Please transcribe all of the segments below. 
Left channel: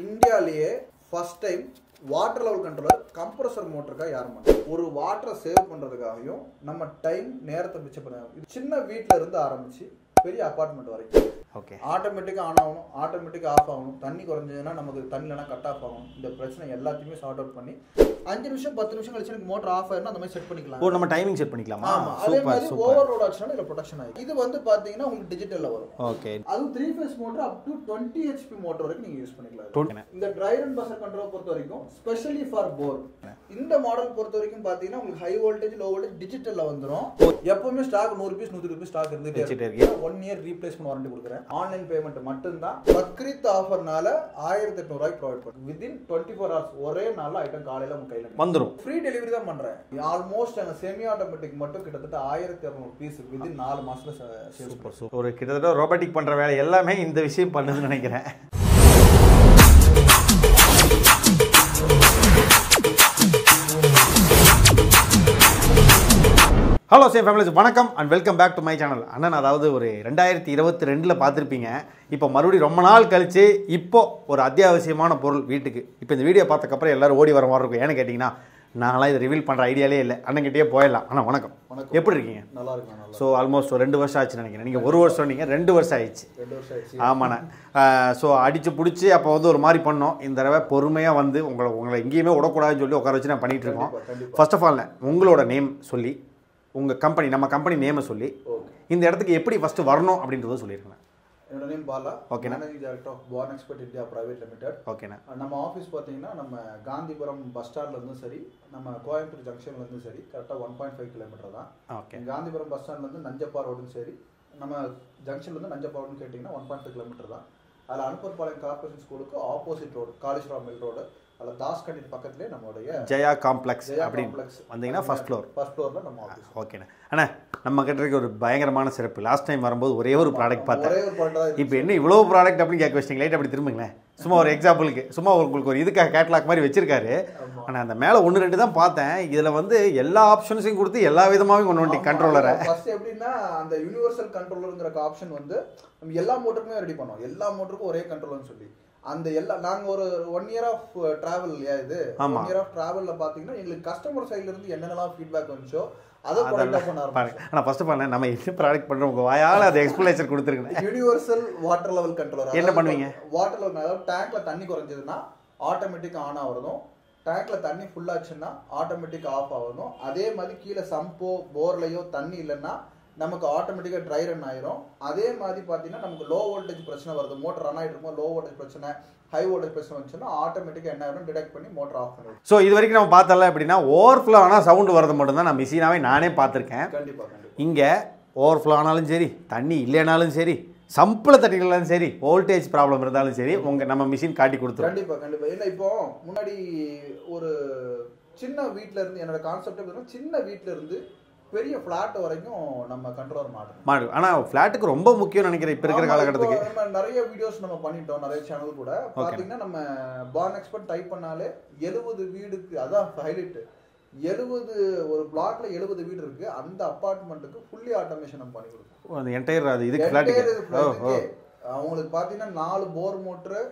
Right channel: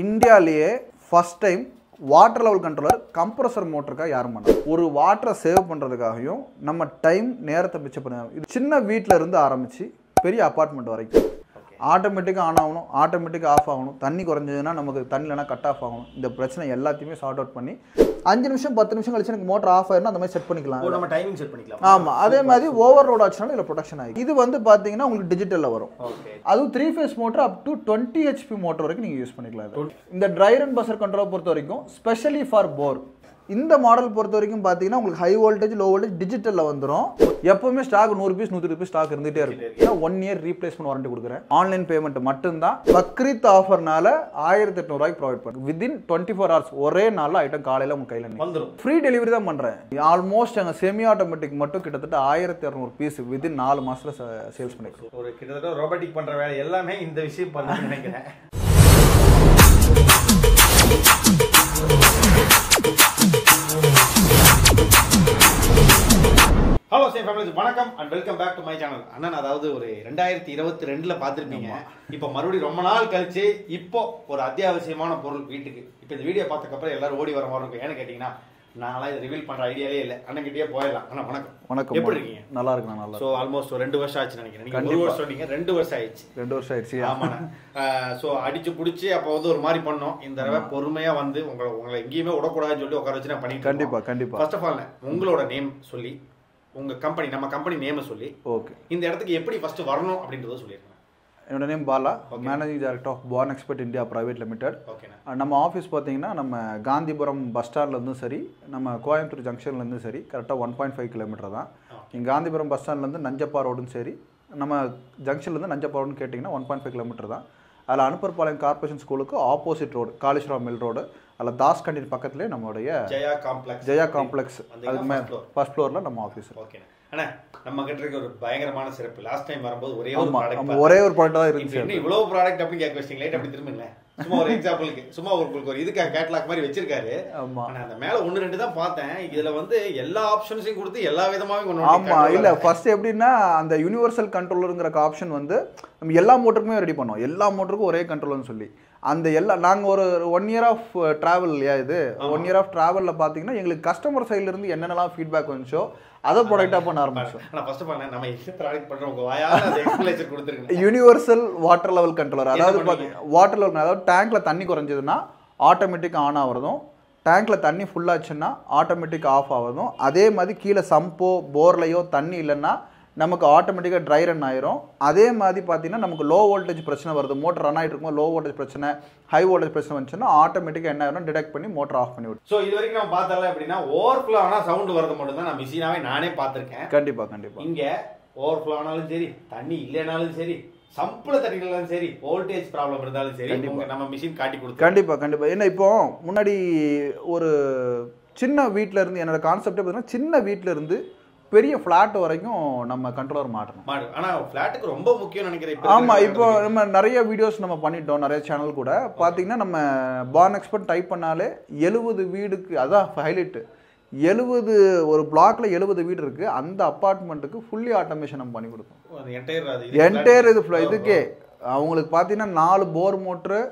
இந்தியாவிலேயே first time water level controller compressor மோட்டருக்காக யாரும் பண்ணல. ஒரு வாட்டரை சேவ் பண்ணுறதுக்காகவும் நம்ம டைம் நேரத்தை மிச்சம் பண்ண இது சின்ன வீட்டில் இருந்து ஆரம்பித்து பெரிய அப்பார்ட்மெண்ட் வரைக்கும் ஆட்டோமேட்டிக்காக ஆன் ஆகணும், ஆட்டோமேட்டிக்காக ஆஃப் ஆகணும், தண்ணி குறைஞ்சதுன்னா நமக்கு தண்ணி இல்லைனா கட் ஆஃப் ஆகணும். இந்த பிரச்சனை எல்லாத்தையுமே சார்ட் அவுட் பண்ணி 5 நிமிஷம் 10 நிமிஷம் கழிச்சு எனக்கு மோட்டர் ஆஃப் ஆயிரும் அந்த மாதிரி செட் பண்ணிக்கலாம். நம்ம டைமிங் செட் பண்ணிக்கலாம். ஆமாம், அதே மாதிரி ஓவர்லோட் ஆச்சுனாலும் இல்லை ப்ரொடக்ஷன் ஆகி இது வந்து பார்த்தீங்கன்னா உங்களுக்கு டிஜிட்டலில் வரும். ஓகே, அதுவும் 3 face motor up to 20 HP motor வரைக்கும் நீங்கள் யூஸ் பண்ணிக்கலாம். இந்த ட்ரை ரன் பஸ்ஸர் கண்ட்ரோல் பொறுத்த வரைக்கும் ஸ்பெஷலி ஃபார் போர் இந்த மாடல் பொறுத்த வரைக்கும் பார்த்தீங்கன்னா உங்களுக்கு ஹை வோல்டேஜ் லோ வோல்டேஜ் டிஜிட்டலில் வந்துடும். எப்பவுமே ஸ்டாக் 100 பீஸ் 100 பீஸ் ஸ்டாக் இருந்துகிட்டே இருக்கு. 1 இயர் ரீப்ளேஸ்மெண்ட் வாரண்டி கொடுக்குறேன். ஆன்லைன் பேமெண்ட் மட்டும்தான். பக்ரீத் ஆஃபர்னால 1800 ரூபாய்க்கு ப்ரொவைட் பண்ணுறேன். வித்தின் 24 hours ஒரே நாளில் ஐட்டம் காலையில் உங்கள் கையில் வந்துடும். ஃப்ரீ டெலிவரி தான் பண்ணுறேன். ஆல்மோஸ்ட் எங்கள் செமி ஆட்டோமேட்டிக் மட்டும் கிட்டத்தட்ட 1200 பீஸ் வித்தின் 4 மாதத்தில் சேல்ஸ் பண்ணுறோம். ஒரு கிட்டத்தட்ட ரோபோட்டிக் பண்ணுற வேலை எல்லாமே இந்த விஷயம் பண்ணுன்னு நினைக்கிறேன். ஹலோ சேம் ஃபேமிலிஸ், வணக்கம் and welcome back to my channel. அண்ணன் அதாவது ஒரு 2022 பார்த்துருப்பீங்க. இப்போ மறுபடியும் ரொம்ப நாள் கழிச்சு இப்போ ஒரு அத்தியாவசியமான பொருள் வீட்டுக்கு. இப்போ இந்த வீடியோ பார்த்ததுக்கப்புறம் எல்லாரும் ஓடி வர மாதிரி இருக்கும். ஏன்னு கேட்டிங்கன்னா நாங்களாம் இதை ரிவீல் பண்ணுற ஐடியாலே இல்லை. அண்ணன்கிட்டயே போயிடலாம். ஆனால் வணக்கம். வணக்கம், எப்படி இருக்கீங்க? நல்லா இருக்கு. நல்லா. ஸோ ஆல்மோஸ்ட் 2 வருஷம் ஆச்சுன்னு நினைக்கிறேன். நீங்கள் 1 வருஷம் சொன்னீங்க, 2 வருஷம் ஆயிடுச்சு. 2 வருஷம் ஆயிடுச்சு. ஆமாண்ணே. ஸோ அடிச்சு பிடிச்சி அப்போ வந்து ஒரு மாதிரி பண்ணோம். இந்த தடவை பொறுமையாக வந்து உங்களை எங்கேயுமே விடக்கூடாதுன்னு சொல்லி உட்கார வச்சு நான் பண்ணிட்டு கண்டிப்பாக கண்டிப்பாக. ஃபர்ஸ்ட் ஆஃப் ஆல் உங்களோட நேம் சொல்லி உங்கள் கம்பெனி நம்ம கம்பெனி நேமை சொல்லி ஓகே இந்த இடத்துக்கு எப்படி ஃபஸ்ட்டு வரணும் அப்படின்றத சொல்லியிருக்கேன். என்னோட name Bala, managing director of born expert India private limited. ஓகேண்ணா. நம்ம ஆஃபீஸ் பார்த்தீங்கன்னா நம்ம காந்திபுரம் பஸ் ஸ்டாண்ட்லேருந்தும் சரி, நம்ம கோயம்புத்தூர் ஜங்ஷன்லேருந்தும் சரி கரெக்டாக 1.5 கிலோமீட்டர் தான். காந்திபுரம் பஸ் ஸ்டாண்ட்லேருந்து நஞ்சப்பா ரோடும் சரி, நம்ம ஜங்ஷன்லேருந்து நஞ்சப்பா ரோடுன்னு கேட்டிங்கன்னா 1.5 கிலோமீட்டர் தான். அதில் அனுப்பர்பாளையம் கார்பரேஷன் ஸ்கூலுக்கு opposite road Kaleswaram mill road, அதில் தாஸ் கண்டின் பக்கத்துலேயே நம்மளுடைய ஜெயா காம்ப்ளெக்ஸ் வந்தீங்கன்னா ஃபர்ஸ்ட் ஃப்ளோரில் நம்ம ஆஃபீஸ். ஓகேண்ணா. அண்ணா நம்ம கிட்ட ஒரு பயங்கரமான சிறப்பு. லாஸ்ட் டைம் வரும்போது ஒரே ஒரு ப்ராடக்ட் தான் இருக்கு. இப்போ என்ன இவ்வளோ ப்ராடக்ட் அப்படின்னு கேட்க வச்சிட்டீங்க. லைட் அப்படி திரும்புங்களேன். சும்மா ஒரு எக்ஸாம்பிளுக்கு சும்மா உங்களுக்கு ஒரு இதுக்காக கேட்லாக் மாதிரி வச்சிருக்காரு. ஆனால் அந்த மேலே 1-2 தான் பார்த்தேன். இதில் வந்து எல்லா ஆப்ஷன்ஸையும் கொடுத்து எல்லா விதமாகவும் கொண்டு வந்து கண்ட்ரோலர். ஃபர்ஸ்ட் எப்படின்னா அந்த யூனிவர்சல் கண்ட்ரோலருங்கிற ஆப்ஷன் வந்து நம்ம எல்லா மோட்டருக்குமே ரெடி பண்ணோம். எல்லா மோட்டருக்கும் ஒரே கண்ட்ரோலர்னு சொல்லி அந்த நாங்கள் ஒரு 1 இயர் ஆஃப் ட்ராவல் இல்லையா, இது 1 இயர் ஆஃப் ட்ராவலில் பார்த்தீங்கன்னா எங்களுக்கு கஸ்டமர் சைட்லேருந்து என்னென்னலாம் ஃபீட்பேக் வந்துச்சோ அதை ப்ராடக்டாக பண்ண ஆரம்பிச்சோம். ஆனால் ஃபர்ஸ்ட் ஆஃப் ஆல் நம்ம என்ன ப்ராடக்ட் பண்ணுறோம் உங்கள் வாயால் அது எக்ஸ்பிளேஷன் கொடுத்துருக்கேன். Universal water level controller. அதாவது வாட்டர் லெவல், அதாவது டேங்க்ல தண்ணி குறைஞ்சதுன்னா ஆட்டோமேட்டிக் ஆன் ஆகிறதும், டேங்க்ல தண்ணி ஃபுல்லாச்சுன்னா ஆட்டோமேட்டிக் ஆஃப் ஆகிறதும், அதே மாதிரி கீழே சம்போ போர்லையோ தண்ணி இல்லைன்னா நமக்கு ஆட்டோமேட்டிக்காக ட்ரை ரன் ஆயிரும். அதே மாதிரி பார்த்தீங்கன்னா நமக்கு லோ வோல்டேஜ் பிரச்சனை வருது, மோட்டர் ரன் ஆகிட்டு இருக்கும், லோ வோல்டேஜ் பிரச்சனை ஹை வோல்டேஜ் பிரச்சனை வந்துச்சுன்னா ஆட்டோமேட்டிக்காக என்ன ஆயிரும், டிடெக்ட் பண்ணி மோட்டர் ஆஃப் பண்ணி விடும். ஸோ இது வரைக்கும் நம்ம பார்த்தல எப்படின்னா ஓவர்ஃப்ளோ ஆனால் சவுண்டு வரது மட்டும் தான் நான் மிஷினாவே நானே பார்த்துருக்கேன். கண்டிப்பாக இங்கே ஓவர்ஃப்ளோ ஆனாலும் சரி, தண்ணி இல்லைனாலும் சரி, சம்பில் தட்டினாலும் சரி, வோல்டேஜ் ப்ராப்ளம் இருந்தாலும் சரி, நம்ம மிஷின் காட்டி கொடுத்து கண்டிப்பாக. ஏன்னா இப்போ முன்னாடி ஒரு சின்ன வீட்டில் இருந்து என்னோட கான்செப்டே பார்த்தீங்கன்னா சின்ன வீட்டில் இருந்து பெரிய ஃப்ளாட் வரைக்கும் நம்ம கண்ட்ரோலர் மாட்டோம். ஆனால் ஃப்ளாட்டுக்கு ரொம்ப முக்கியம் நினைக்கிறேன். ஆமாம், இப்போ நம்ம நிறைய வீடியோஸ் நம்ம பண்ணிட்டோம், நிறைய சேனல் கூட பார்த்தீங்கன்னா நம்ம பார்ன் எக்ஸ்பர்ட் டைப் பண்ணாலே 70 வீடுக்கு, அதான் ஹைலைட், 70 ஒரு பிளாக்ல 70 வீடு இருக்கு. அந்த அப்பார்ட்மெண்ட்டுக்கு ஃபுல்லி ஆட்டோமேஷன் நம்ம பண்ணி கொடுப்போம். என்டையர் இதுக்கே அவங்களுக்கு பார்த்தீங்கன்னா 4 bore motor,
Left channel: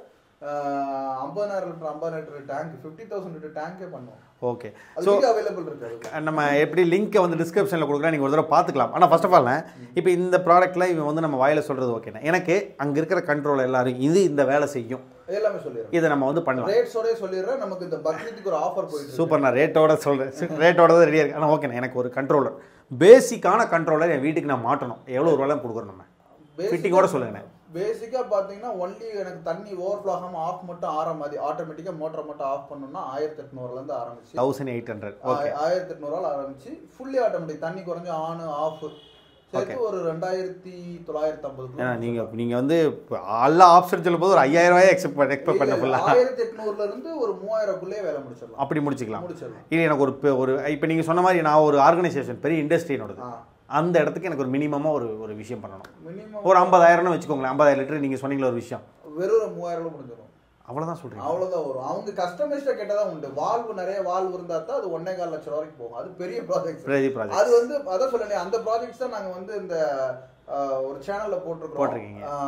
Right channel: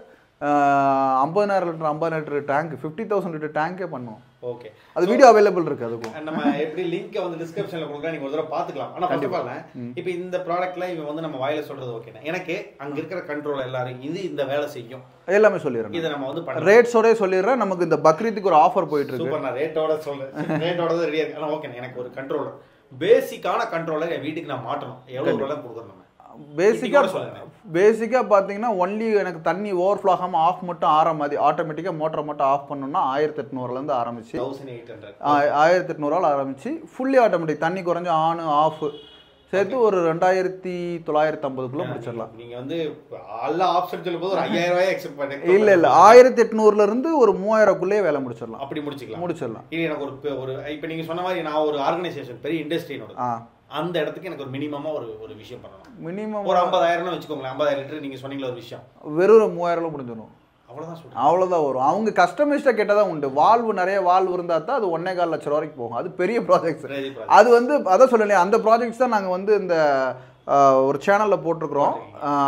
50,000 litre tank, 50,000 litre டேங்கே பண்ணுவோம். ஓகே, அது வீடியோ அவைலபிள் இருக்கு. அதுக்கு நம்ம எப்படி லிங்க்கை வந்து டிஸ்கிரிப்ஷனில் கொடுக்குறேன், நீங்கள் ஒரு தடவை பார்த்துக்கலாம். ஆனால் ஃபர்ஸ்ட் ஆஃப் ஆல் இப்போ இந்த ப்ராடக்ட்டில் இவன் வந்து நம்ம வாயில சொல்கிறது ஓகேண்ணா, எனக்கு அங்கே இருக்கிற கண்ட்ரோல் எல்லாரும் இது இந்த வேலை செய்யும் எல்லாமே சொல்லிடுறேன். இதை நம்ம வந்து பண்ணுறோம். ரேட்ஸோட சொல்லிடுறேன். நமக்கு இந்த பக்ரீத்துக்கு ஒரு ஆஃபர் போயிட்டு இருக்கு. சூப்பர், நான் ரேட்டோட சொல்கிறேன். ரேட்டோட தான் ரெடியாக இருக்கு. ஆனால் ஓகேண்ணா, எனக்கு ஒரு கண்ட்ரோலர், பேசிக்கான கண்ட்ரோலர் என் வீட்டுக்கு நான் மாட்டணும். எவ்வளோ ரூபாய் கொடுக்குறோம் நம்ம பேசிக்காக பார்த்தீங்கன்னா ஒன்லி எனக்கு தண்ணி ஓவர்ஃப்ளோ ஆகாமல் ஆஃப் மட்டும் ஆற மாதிரி ஆட்டோமேட்டிக்காக மோட்டரை மட்டும் ஆஃப் பண்ணணும்னா 1800 ஆரம்பிச்சு 1800 1800 ஆரம்பிச்சு ஃபுல்லி ஆட்டோமேட்டிக் தண்ணி குறைஞ்சு ஆன் ஆஃப் சேர்த்து ஒரு 2950. நீங்க வந்து எல்லா ஆப்ஷன் சொல்லும் போது ஒரு 5000 ரூபாய் எக்ஸ்பெக்ட் இல்ல 1800 ஒரு 3000 வேலை முடிச்சிடலாம். அப்படி முடிச்சிடலாம். இது எனக்கு ஒரு இப்போ நீங்க சொன்ன மாதிரி நான் ஒரு ஆர்கனைசேஷன் பெரிய இண்டஸ்ட்ரியோட அந்த இடத்துக்கு எனக்கு ஒரு மினிமமா ஒரு விஷயம் பண்ணணும். மினிமம் ஒரு 50,000 வச்சுக்கோங்களேன். 50,000 லிட்டர் நீங்க சொன்னீங்களா ஒரு விஷயம், வெறும் 3000 முடிஞ்சிடும். அவ்வளோதான் சொல்றேன். அவ்வளோதான் வரும். அவங்க கஸ்டமைஸ்டாக கேட்டால் தான் உண்டு. வால்வு நிறைய வால்வு இருந்தால் தான் அது 1.25 லட்சம் வரைக்கும் போகும். அது பெரிய ப்ராஜெக்ட்ஸ். அது வந்து அதான் சொல்லலையே, அந்த ப்ராஜெக்ட்ஸ் தான் நாங்கள் வந்து இந்த ஒரு சேனல்ல போட்டுருக்கோம்.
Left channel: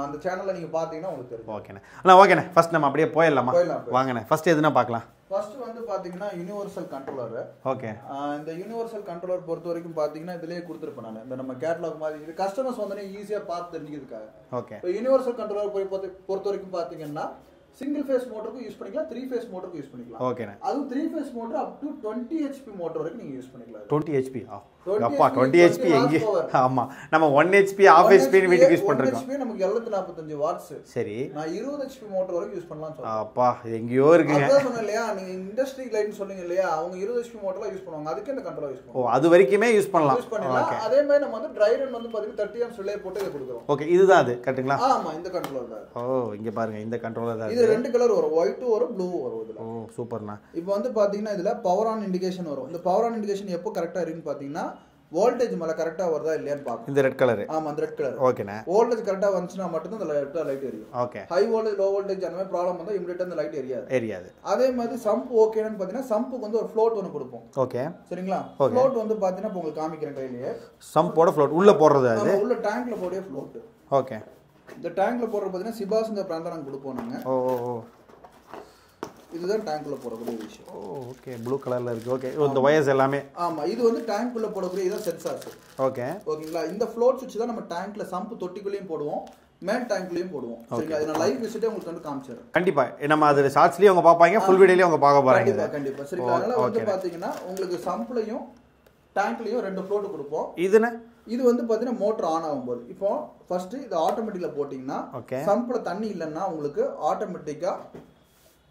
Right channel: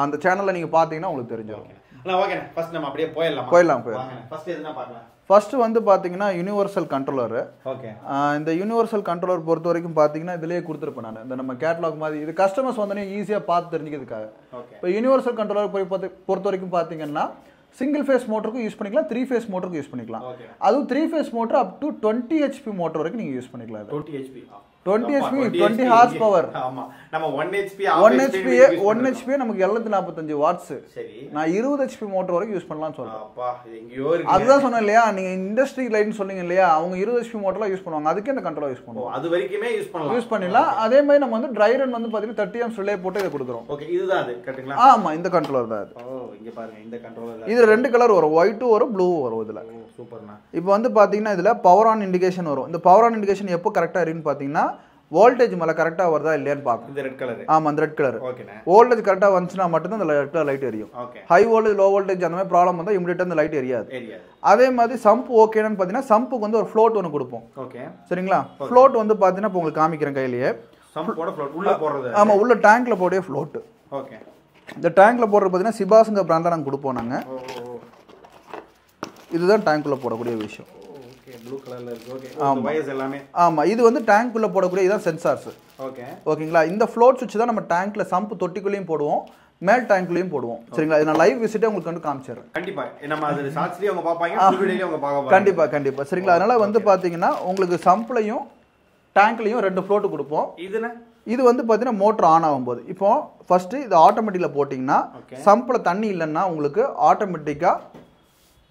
அந்த சேனல்ல நீங்க பாத்தீங்கன்னா உங்களுக்கு தெரியும். ஓகேண்ணே ஓகேண்ணே. ஃபர்ஸ்ட் நம்ம அப்படியே போயிடலாம் வாங்கண்ணே. ஃபர்ஸ்ட் எதுனா பார்க்கலாம். ஃபர்ஸ்ட் வந்து பாத்தீங்கன்னா யூனிவர்சல் கண்ட்ரோலர். ஓகே. இந்த யூனிவர்சல் கண்ட்ரோலர் பொறுத்த வரைக்கும் பாத்தீங்கன்னா இதுலயே கொடுத்துருப்பேன் நான். இந்த நம்ம கேட்டலாக் மாதிரி இது கஸ்டமர்ஸ் வந்தோடனே ஈஸியா பார்த்து தெரிஞ்சுக்கிறதுக்காக. ஓகே. இப்போ யூனிவர்சல் கண்ட்ரோலர் பொறுத்த வரைக்கும் பாத்தீங்கன்னா சிங்கிள் ஃபேஸ் மோட்டருக்கு யூஸ் பண்ணிக்கலாம், 3 ஃபேஸ் மோட்டருக்கு யூஸ் பண்ணிக்கலாம். ஓகே. அதுவும் 3 face motor up to 20 HP motor வரைக்கும் நீங்க யூஸ் பண்ணிக்கலாம். 20 HP 20 ஹார்ஸ் பவர். ஆமா, நம்ம 1 HP 1 HP நமக்கு 745 வாட்ஸ். சரி, நான் 20 HP மோட்டர் வரைக்கும் யூஸ் பண்ணலாம்னு சொல்றேன். அப்பா எங்கயோ இருக்கு. அதான் சொன்னேன் இல்லையா, நீங்க இண்டஸ்ட்ரி லைன் சொன்னீங்க இல்லையா, அவங்க 20 HP மோட்டர்ல யூஸ் பண்ணுவாங்க. அதுக்கு இந்த கண்ட்ரோலர் யூஸ் பண்ணுவோம். அது வரைக்குமே யூஸ் பண்ணலாம். அதே மாதிரி நம்ம வந்து ட்ரை ரன் வந்து பாத்தீங்கன்னா 30 amps ரிலே போட்டு இத கொடுக்குறோம். ஓகே, இதுதான் அது கரெக்ட்டுங்களா? ஆமா, இந்த கண்ட்ரோலர் தான். இங்க பாருங்க, இந்த கண்ட்ரோலர் தான். இது ரெண்டு கலர் வரும், ஒயிட் வரும், ப்ளூ வரும் இதுல. சூப்பர்ண்ணா. இப்போ வந்து பாத்தீங்கன்னா இதுல பவர் ஆன் இண்டிகேஷன் வரும். இந்த பவர் ஆன் இண்டிகேஷன் எப்போ கரெக்டா இருக்குன்னு பாத்தீங்கன்னா வோல்டேஜ் மேல கரெக்டா வருதா இல்லையான்னு பாப்போம். இந்த ரெட் கலர். ஆமா, அந்த ரெட் கலர். ஓகேண்ணே. வோல்டேஜ் கரெக்டா வந்துச்சுனா மட்டும் தான் அந்த ரெட் லைட் எரியும். Okay. High voltage low voltage அந்த மாதிரி ப்ராப்ளம் வந்தா இமிடியேட்டா அந்த லைட் எரியாது. அதே மாதிரி சம்ப் ஓகேன்னு பாத்தீங்கன்னா சம்புக்கு வந்து ஒரு ஃப்ளோட் ஒன்னு கொடுப்போம். ஓகே, சரிங்களா? ஃப்ளோட் வந்து பாத்தீங்கன்னா இப்போ உங்களுக்கு காமிக்கிறேன் கையிலேயே. சம்போட ஃப்ளோட் உள்ள போடுறது. ஆமா, உள்ள டேங்க்ல போடே ஃப்ளோட். ஓகே. இந்த டேங்க்ல போடுறது பாத்தீங்கன்னா சிபாஸ்ங்க பிராண்ட்ல நாங்க கொடுப்போம் நாங்க. இதுதான் டேங்க்குள்ள போடக்கூடிய விஷயம். ஓகே, ப்ளூ கலர்ல இருக்கு. ஓகே, இந்த வயர்ஸ் எல்லாமே. ஆமா, இது வந்து டேங்க்குள்ள போடக்கூடிய இதான் சென்சார்ஸ். ஓகே. ஓகேங்களா? இந்த ஃப்ளோட் சுவிட்ச் தான் நம்ம டேங்க்ல சம்ப் தொட்டிக்குள்ளேயும் போடுவோம், மேல் டேங்க்லயும் போடுவோம். சரிங்களா? இது நான் லைவ் விசிட்டே உங்களுக்கு வந்து காமிச்சறேன். கண்டிப்பா நம்ம அது ஷார்ட்ஸ்லயே அவங்க பாப்பாங்க, ஃபுல் வீடியோலயே அவங்க பார்க்க போறாங்க. கண்டிப்பா. சரிங்களா? அதனால வந்து பாத்தீங்கன்னா உங்களுக்கு சம்ப்லயும் டேங்க்லயும் ரெண்டு ஃப்ளோட் கொடுப்போம். இது வந்து பாத்தீங்கன்னா மோட்டர் ஆன் ஆகும்போது இப்போ ஃபர்ஸ்ட் இது ஆட்டோமேட்டிக்ல போட்டீங்கன்னா சம்ப்ல தண்ணி இல்லைன்னா உங்களுக்கு ஆட்டோமேட்டிக்கா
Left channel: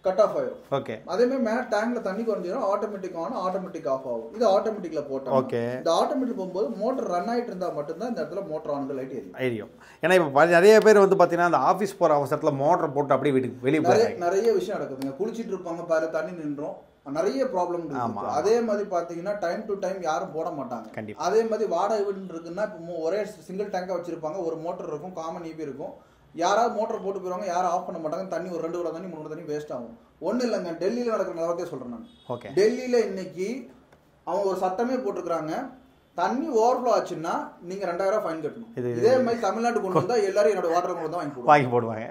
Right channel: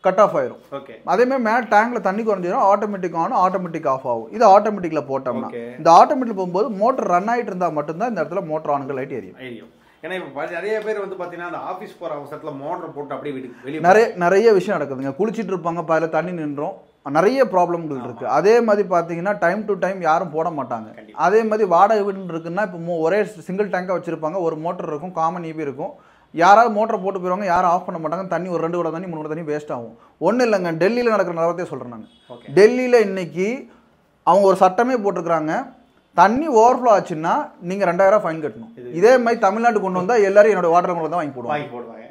கட் ஆஃப் ஆயிரும். ஓகே. அதே மாதிரி மேல டேங்க்ல தண்ணி குறைஞ்சிரும், ஆட்டோமேட்டிக் ஆன், ஆட்டோமேட்டிக் ஆஃப் ஆகும். இது ஆட்டோமேட்டிக்ல போட்டோம்னா இந்த ஆட்டோமேட்டிக் போகும்போது மோட்டர் ரன் ஆயிட்டு இருந்தா மட்டும்தான் இந்த இடத்துல மோட்டர் ஆன் லைட் எரியும். ஏன்னா இப்போ நிறைய பேர் வந்து பாத்தீங்கன்னா அந்த ஆஃபீஸ் போற அவசரத்துல மோட்டர் போட்டு அப்படியே வீட்டுக்கு வெளியே நிறைய விஷயம் நடக்குதுங்க. குளிச்சிட்டு இருப்பாங்க, பல தண்ணி நின்றோம், நிறைய ப்ராப்ளம்கள் இருக்கு. அதே மாதிரி பாத்தீங்கன்னா டைம் டு டைம் யாரும் போட மாட்டாங்க. அதே மாதிரி வாடகை வீடு இருக்குன்னா இப்போ ஒரே சிங்கிள் டேங்கா வச்சிருப்பாங்க, ஒரு மோட்டர் இருக்கும், காமன் ஈபி இருக்கும். யாராவது மோட்டர் போட்டு போயிருவாங்க, யாரும் ஆஃப் பண்ண மாட்டாங்க. தண்ணி ஒரு 2 குடம் தண்ணி 3 குடம் தண்ணி வேஸ்ட் ஆகும். ஒன்றும் இல்லைங்க, டெல்லியில் நடக்கிற நிலவரத்தையே சொல்கிறேன் நான். டெல்லியில் இன்னைக்கு அவங்க ஒரு சட்டமே போட்டிருக்கிறாங்க, தண்ணி ஓவர்ஃப்ளோ ஆச்சுன்னா நீங்கள் 2000 ஃபைன் கட்டணும். இதே மாதிரி தமிழ்நாட்டுக்கு கொண்டு வந்தால் எல்லாரும் என்னோட வாட்டர் கொண்டு தான் வாங்கி போடுவாங்க.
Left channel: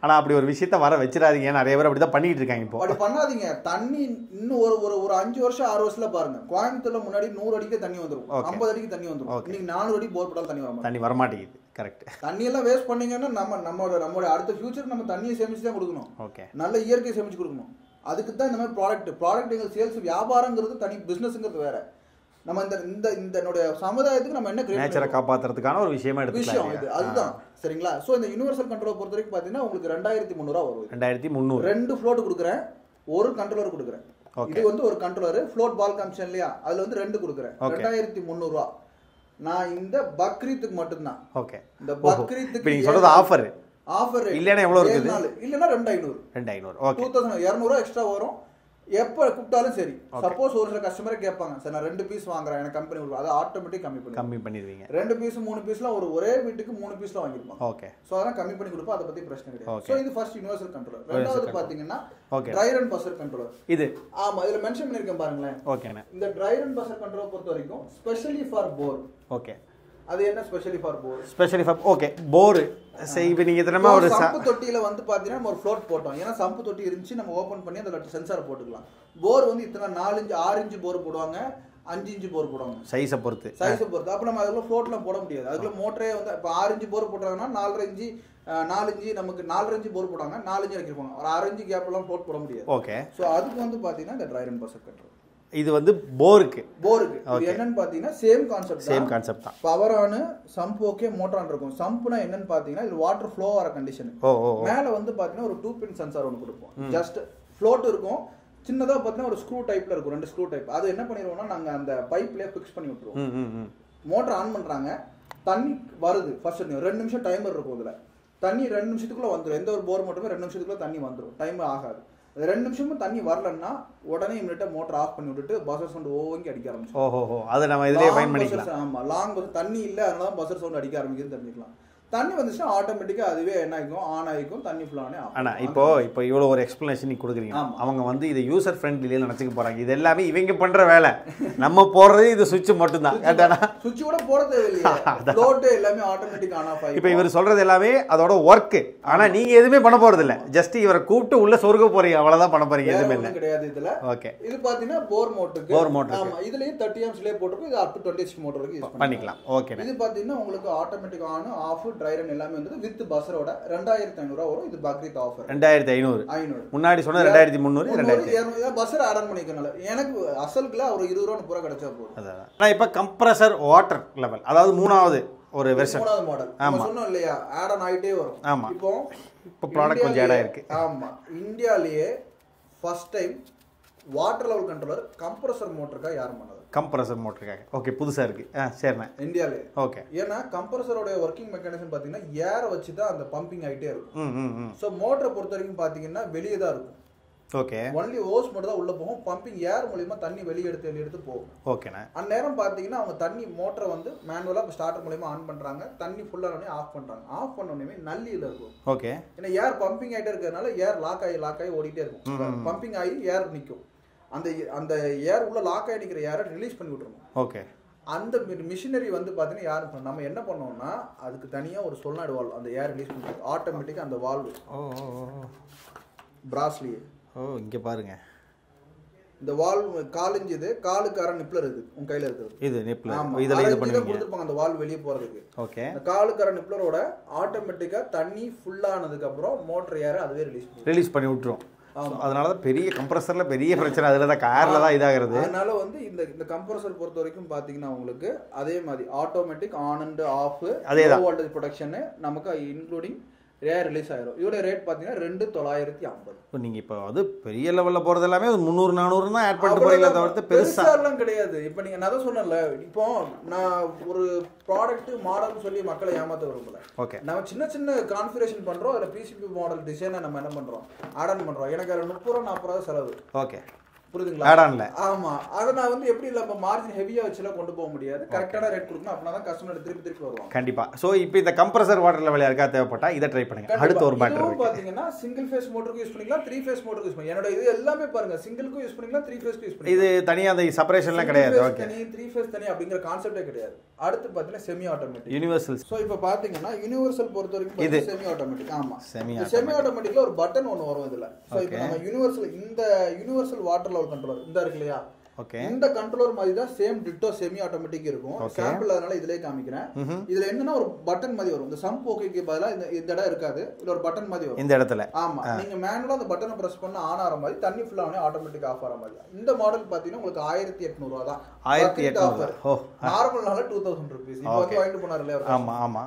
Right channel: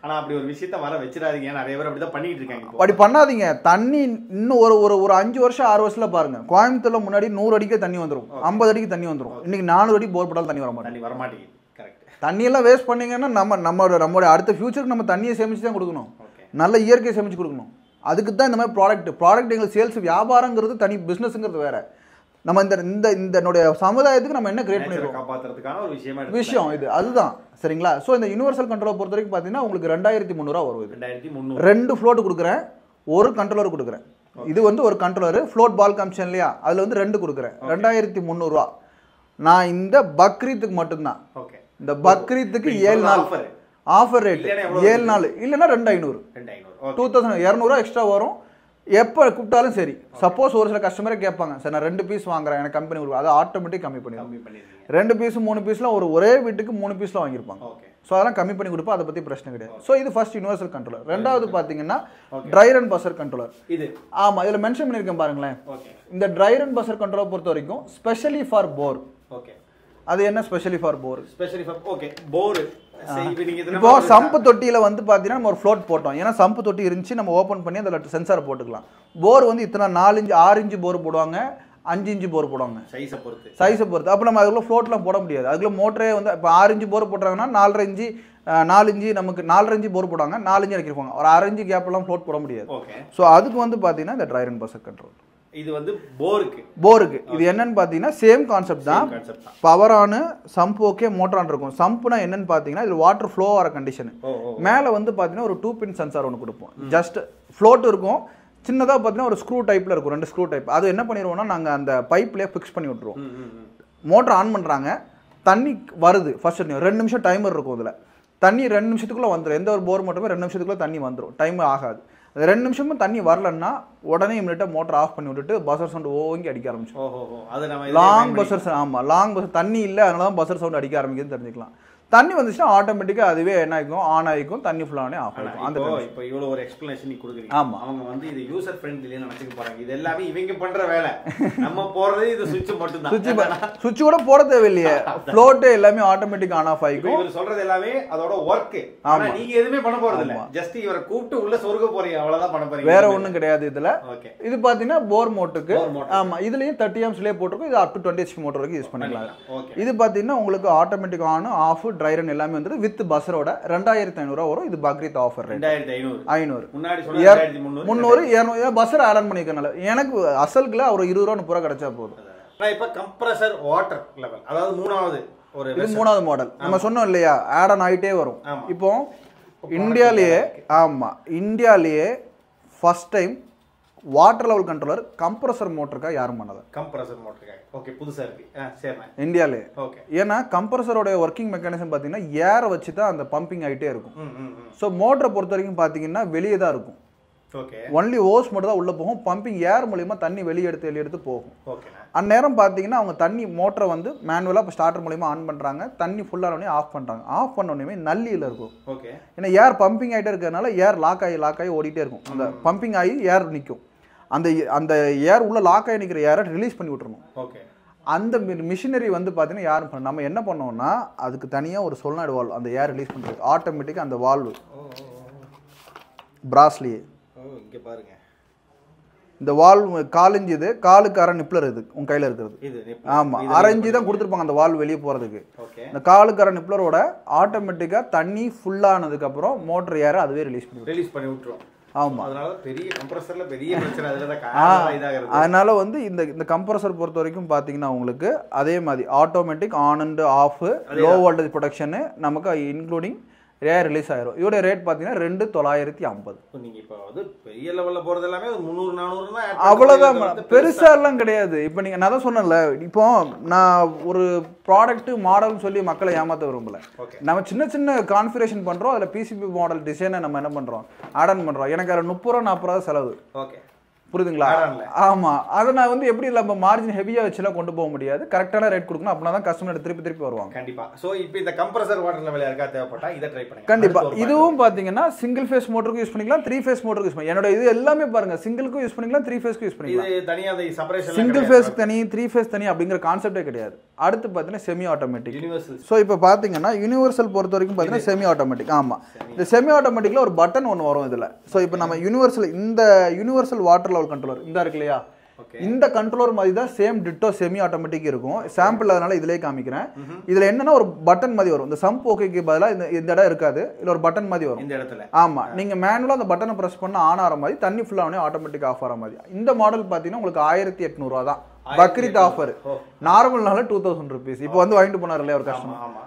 ஆனால் அப்படி ஒரு விஷயத்த வர வச்சிடாதீங்க, நிறைய பேர் அப்படி தான் பண்ணிட்டு இருக்காங்க. இப்போ அப்படி பண்ணாதீங்க. தண்ணி இன்னும் ஒரு 5 வருஷம் 6 வருஷத்துல பாருங்க, கோயம்புத்தூர்ல முன்னாடி 100 அடிக்கே தண்ணி வந்துடும், 50 அடிக்கு தண்ணி வந்துடும். இன்னைக்கு 400 அடி போர் போட்டாலும் தண்ணி வரமாட்டேங்குது. கரெக்ட். தண்ணியெல்லாம் வேஸ்ட் பண்ணீங்கன்னா நம்மளோட அடுத்த ஃபியூச்சருக்கு நம்ம தண்ணியை சேமிச்சு தான் கொடுக்கணும். நல்ல இயற்கையை சேமிச்சு கொடுக்கணும். அதுக்கு தான் இந்த மாதிரி ப்ராடக்ட் எங்களுக்கு சேல்ஸ் வியாபாரங்கிறது தனி, பிசினஸ்ங்கிறது வேற. நம்ம இந்த சமுதாயத்துக்கு நம்ம என்ன கிரியேட் பண்ணி காப்பாத்துறதுக்கான ஒரு விஷயம் இது. அதுதான். சரிங்களா? ஸோ இந்த யூனிவர்சல் கண்ட்ரோலர் பொறுத்த வரைக்கும் பார்த்தீங்கன்னா உங்களுக்கு 2300 வருது. 2300. 2 ஃப்ளோட் கொடுக்குறேன், ஒரு கண்ட்ரோலர் கொடுக்குறேன். இது வந்து ஒரு கண்ட்ரோலர் ஃப்ளோட் பால் காமிச்சேன் இல்லையா, அதுல வந்து 2 கொடுக்குறேன். 2300 நான் இந்த பக்ரீத்துக்கு மட்டும்தான். ஓகே. இந்த பக்ரீத்துக்கு ஆஃபர் ரேட் 7 நாள் இல்லைன்னா 2500. 2200 எக்ஸ்ட்ரா வரும். எப்போ கூப்பிட்டாலும் சரி. சப்போஸ் ஒரு சில கஸ்டமரே கேட்பாங்க, சார் நான் 2 பீஸ் வாங்குறேன், எனக்கு கம்பெனி கொடுக்கும், அதை ஆட்டோமேட்டிக் கம்மி பண்ணிடுவீங்க. 2 பீஸ் 3 பீஸ்லாம் ஒரே வீட்டுக்கு 3 பீஸ்லாம் வாங்கியிருப்பாங்க. ஓகே. ஸோ அதெல்லாம் கம்மி பண்ணி கொடுப்போம், அதை பற்றி பிரச்சனை கிடையாது. ஸோ இது ஃபர்ஸ்ட் யூனிவர்சல் கண்ட்ரோலர். ரெண்டாவது பார்த்தீங்கன்னா ட்ரை ரன் பஸர் கண்ட்ரோலர். இது ஆமாம், இதில் மென்ஷன் பண்ணியிருக்கேன் பாருங்களேன். ஓகே. இந்த ட்ரை ரன் பஸர் கண்ட்ரோலர் பொறுத்த வரைக்கும் ஸ்பெஷலி ஃபார் போர். ஓகே. அது என்ன ஸ்பெஷலி ஃபார் போர்? ஓகே, போர். சம்பு தொட்டியில வந்து பாத்தீங்கன்னா நம்ம ஒரு ஃப்ளோட் போட்டோம். ஏன்னா சம்பு தொட்டி இருந்துச்சு, நம்ம ஓபன் பண்ணி அந்த சென்சார் போட்டுக்கலாம். போர் வந்து இத்தனை 4 இன்ச் 6 இன்ச் போர் போடுவாங்க, 5 இன்ச் போர் போடுவாங்க, சைஸை பொறுத்து. அப்போ நம்ம அதுக்குள்ள ஃப்ளோட்லாம் போட முடியாது. அதுக்குள்ள மோட்டரே வந்து இப்போ 6 இன்ச் போர் போடுறாங்கன்னா 4.5 இன்ச்சு 4 இன்ச்சு நமக்கு 4.5 இன்ச்சு போர் போடுவாங்க, 4 இன்ச்சு இறக்கிருப்பாங்க. ஒரு 6 இன்ச்சு கேப்லாம் ஃப்ளோட் போட முடியாது. ஓகே. ஸோ அதுக்கு வந்து பாத்தீங்கன்னா இந்த ட்ரை ரன் பஸர் கண்ட்ரோல். இது வந்து போருக்கு இது என்னன்னு பாத்தீங்கன்னா சேம் கான்செப்ட் தான். Power on, sump okay, motor on இருக்கும். சம்ப்னா என்னன்னு பாத்தீங்கன்னா இது வாட்டர் ஃப்ளோ ஆகிற கண்டிஷன். மேல வந்து பாத்தீங்கன்னா ஒரு 2 பின் சென்சார் ஒன்று கொடுப்போம். ஜஸ்ட் ஃப்ளோட் இருக்கும், சின்னதா பாத்தீங்கன்னா ஒரு ஸ்க்ரூ டைப்ல இருக்கும், 2 ஸ்க்ரூ டைப். அது என்ன பண்ணிடுவோம்னா நாங்க அந்த பைப்லயே ஃபிக்ஸ் பண்ணி விட்டுருவோம். மோட்டர் ஆன் பண்றாங்க, தண்ணி வருது, ஃபர்ஸ்ட் 2 நிமிஷம் டைமர் இருக்கும். அதுல தண்ணி 2 நிமிஷத்துக்குள்ள வந்துடும். எந்த ஒரு போர் மோட்டருமே 2 நிமிஷத்துக்குள்ள தண்ணி வந்துடும், டைம் ஆகாது. 2 நிமிஷமும் தண்ணி வரலன்னா உடனே இமிடியேட்டா மோட்டர் ஆஃப் பண்ணி விட்டுட்டு பஸர் சவுண்ட் ஓங்கி அடிக்க ஆரம்பிச்சோம். Long buzzer. ஆமா, லாங் பஸர் தண்ணி இல்லை, அதனால தான் பஸர் சவுண்ட் அடிக்க ஆரம்பிக்குதுன்னு தெரிஞ்சுக்கலாம். தண்ணி வந்துச்சுன்னா ஆட்டோமேட்டிக்கா அதுவே என்ன ஆகும், ஆன் ஆகிக்கும், தண்ணி ஃபுல்லானே ஆஃப் ஆகும். இப்போ இவ்வளோ ஒரு எக்ஸ்பிளனேஷன் நீ கொடுக்குறீங்க. ஆமா. அவங்க வந்து இது யூசர் ஃப்ரெண்ட்லியில் நினச்சிக்க போறாங்க. இது எல்லாமே இவங்க பண்ற வேலை, நம்ம போடுறது இது சுவிட்ச் மட்டும் தான். சுவிட்ச் கூட போட தேவையில்லையே, ஃப்ளோட் எல்லாமே ஆட்டோமேட்டிக் ஆன் ஆஃப் ஆகி. இப்போ இவர் சொல்றது எல்லாமே அதோட ஒர்க். ஆனா நீங்க எதுவுமே பண்ண போறது இல்ல, ஜஸ்ட் இவரை கூப்பிட்டு உள்ள சொருக போறீங்க, அவ்வளவுதான் பண்ண போறீங்க, வேற ஒண்ணும் கிடையாது இதுல. ஓகே. இது பாத்தீங்கன்னா போர் மோட்டருக்கு. ஆமா, இதுலயும் 30 ஆம்ஸ்லயே போட்டுருக்கும். இது அப் டு 20 HP மோட்டர் வரைக்கும் யூஸ் பண்ணிக்கலாம். ஓகே. இது பாத்தீங்கன்னா உங்களுக்கு automatic on off try run எல்லாமே வந்து வித் பஸ்ஸரோட 2500 வரும். இது பக்ரீத் ஆஃபர் 2500. முன்னாடி சொன்னா 2300 200 பஸ்ஸர் ஆட் ஆன் பண்ணிக்கனால எனக்கு அசல்குல ஒரு 20 ரூபாய் 30 ரூபாய் கிடைச்சா போதும். நான் இப்ப கம்ப்ரஸர் வாட்டர் லெவல், அதாவது மூணாவது மாடல் நம்ம சொன்னோம் இல்லையா, ஆட் ஆன் ஆயிட்டே வரும். இப்போ இந்தியாலயே first time water level controller compressor மோட்டருக்காக யாரும் பண்ணது. கம்ப்ரஸர் மோட்டருக்காக. ஓகே, புதுசா இருக்கு. சரிண்ணா, இந்தியாலே. ஓகே. ஏன்னா கம்ப்ரஸரோட ஒர்க்கிங் மெக்கானிசம் பாத்தீங்கன்னா ஏரை வச்சு தான் அந்த பம்பிங் ஆகிட்டே இருக்கும். ஸோ மோட்டரை பொறுத்த வரைக்கும் பாத்தீங்கன்னா வெளியே தான் இருக்கும். ஓகே. ஒன்லி ஓஸ் மட்டும் தான் உள்ள போகும். பம்பிங் ஏர் மூலமா தண்ணி வெளியே எடுத்து போகும். ஓகேண்ணா. அந்நேரம் பாத்தீங்கன்னா அவங்க தண்ணி மோட்டரை வந்து மேனுவலா ஸ்டார்டர் மூலமா ஆன் பண்றாங்க, தண்ணி ஃபுல்லா உடனே ஆஃப் பண்றாங்க. ஆஃப் பண்ண உடனே நல்லியில இருக்கும். ஓகே. ஏன்னா ஏர் பம்பிங் ஆகிட்டே இருக்கிறதுனால ஏர் லாக் ஆகி ஓடிட்டே இருக்கும். அந்த பம்பிங் ஆகி ஏர் நிற்கும். அந்த ஏர் உள்ள லாக் ஆகி நிற்கிற ஏரை ரிலீஸ் பண்ணி விட்டுறணும். ஓகே. அந்த மிஷினரி வந்து பார்த்தீங்கன்னா யாரும் நம்ம என்ன பண்ணோம்னா அதுக்கு தனியாக ஒரு சொல்லாடு வால்வ், அந்த ஏர் ரிலீஸ் பண்ணுறது ஆட்டோமேட்டிக்காக அந்த வால்வு பிராஸ்லியே. இங்கே பாருங்க, இந்த வால்வ் காலிஞ்சு, இது காலுக்கு அரை நிப்ளர், இது உங்க கையில் இருக்கிறது இது. ஆமாம், அரைஞ்சி தான் கொடுத்துருப்பாங்க அந்த வால்வ் வெளியே போகிறதுக்கு. ஓகே. இந்த காலுக்கு அரை நிப்ளரோட ஆட்டோமேட்டிக்காக தண்ணி ஃபுல்லானதுக்கப்புறம் மோட்டர் ஏரை அதுவே ரிலீஸ் பண்ணி விட்டுரும். ஆமாம், அதனால தான் பெரிய கம்ப்ரஸர்ல பெரிய பிரச்சனை அதில் தான் காரணம் இதாகிறது. அதனால வந்து இந்த கம்ப்ரஸர் பொறுத்த வரைக்கும் பார்த்தீங்கன்னா உங்களுக்கு அதே மாதிரி automatic on and half, low voltage production நமக்கு இன்க்ளூடிங் ஏர் ரிலீஸ் ஆயிரும். இதோட ரேட் பார்த்தீங்கன்னா 2950. நீங்க இப்போ அது பெரிய லெவலில் போகிறது எல்லாமே 300-400 தான். அவ்வளோதான், பெருசாக எல்லாம் கிடையாது. இப்போ நீங்கள் நான் தான் சொன்னேன்ல, இப்போ நான் ஒரு ப்ராடக்ட் மாடல்னு சொல்லி மக்களை ஏமாற்ற விரும்பல. ஓகே. நம்ம சின்ன கான்ஃபிகரேஷன் பண்ணுறோம், அதில் பிசிபி மாடல் டிசைனை நம்ம என்ன பண்ணுறோம், ஆட் ஆன் பண்ணுறோம். எனக்கு அதில் 30-40 ரூபா செலவு. ஓகே, புரியுதுங்களா? ஆமா, அதை நான் வந்து எப்படி நம்ம மார்ஜின் ஹெவியா வச்சுலாம் கொண்டு போக முடியாது. கரெக்டான ரேட் கொடுக்கணும், அப்படின்னா தான் கஸ்டமர் திருப்பி வருவாங்க. கண்டிப்பா. சோ இப்போ இந்த கம்ப்ரஸர் வாட்டர் லெவல் யாருக்கா தேவைப்பட்டா இதை ட்ரை பண்ணுங்க. கண்டிப்பா. இதுவும் பாத்தீங்கன்னா சிங்கிள் ஃபேஸ் மோட்டருக்கு யூஸ் பண்ணிக்கலாம், 3 ஃபேஸ் மோட்டருக்கு யூஸ் பண்ணிக்கலாம். என்னோட இது எல்லாமே பாருங்க, சிங்கிளுக்கும் யூஸ் பண்ணிக்கலாம், 3 ஃபேஸ்க்கு யூஸ் பண்ணிக்கலாம். இது தனியா அந்த செப்பரேஷன் சிங்கிள் ஃபேஸ் தனி 3 ஃபேஸ் தனி அப்படிங்கிற கான்செப்டே கிடையாது. அடுத்து பாத்தீங்கன்னா செமி ஆட்டோமேட்டிக் யூனிவர்சல். சோ இப்போ பாத்தீங்கன்னா யூனிவர்சல் பொறுத்த வரைக்கும் பாத்தீங்கன்னா செமி ஆட்டோமேட்டிக். ஆமா, இந்த செமி ஆட்டோமேட்டிக்ல ஒரு பட்டன் ஒன்னு வரும் இதுல. சோ இப்போ நம்ம இந்த யூனிவர்சல் வாட்டர் லெவல் கண்ட்ரோலர் இந்த இருக்கு இல்லையா, இந்த கண்ட்ரோலர் மாதிரி தான் சேம் டிட்டோ செமி ஆட்டோமேட்டிக் இருக்கும். சாம்பிள் அதனால இதுலயே காமிக்கிறேன். இதுல என்னன்னா ஒரு பட்டன் மாதிரி வரும். இந்த சம்ப் ஓகேக்கு பதிலா இந்த இடம் இருக்காது, இதுல ஒரு பட்டன் மாதிரி வரும் இந்த இடத்துல. ஆமா, நீங்க மேனுவலா அந்த பட்டனை பிரஸ் பண்ணா ஆன் ஆற மாதிரி, தண்ணி ஃபுல்லா ஆனே ஆட்டோமேட்டிக் ஆஃப் ஆற மாதிரி. இந்த மாடல் பாத்தீங்கன்னா உங்களுக்கு 1800 ரூபா தான் பக்ரீத் ஆஃபர். நார்மல்னால 2000 rupees. இப்போ வந்து வாங்கிட்டு போனார் இல்லையா ஒரு. ஆமா ஆமா,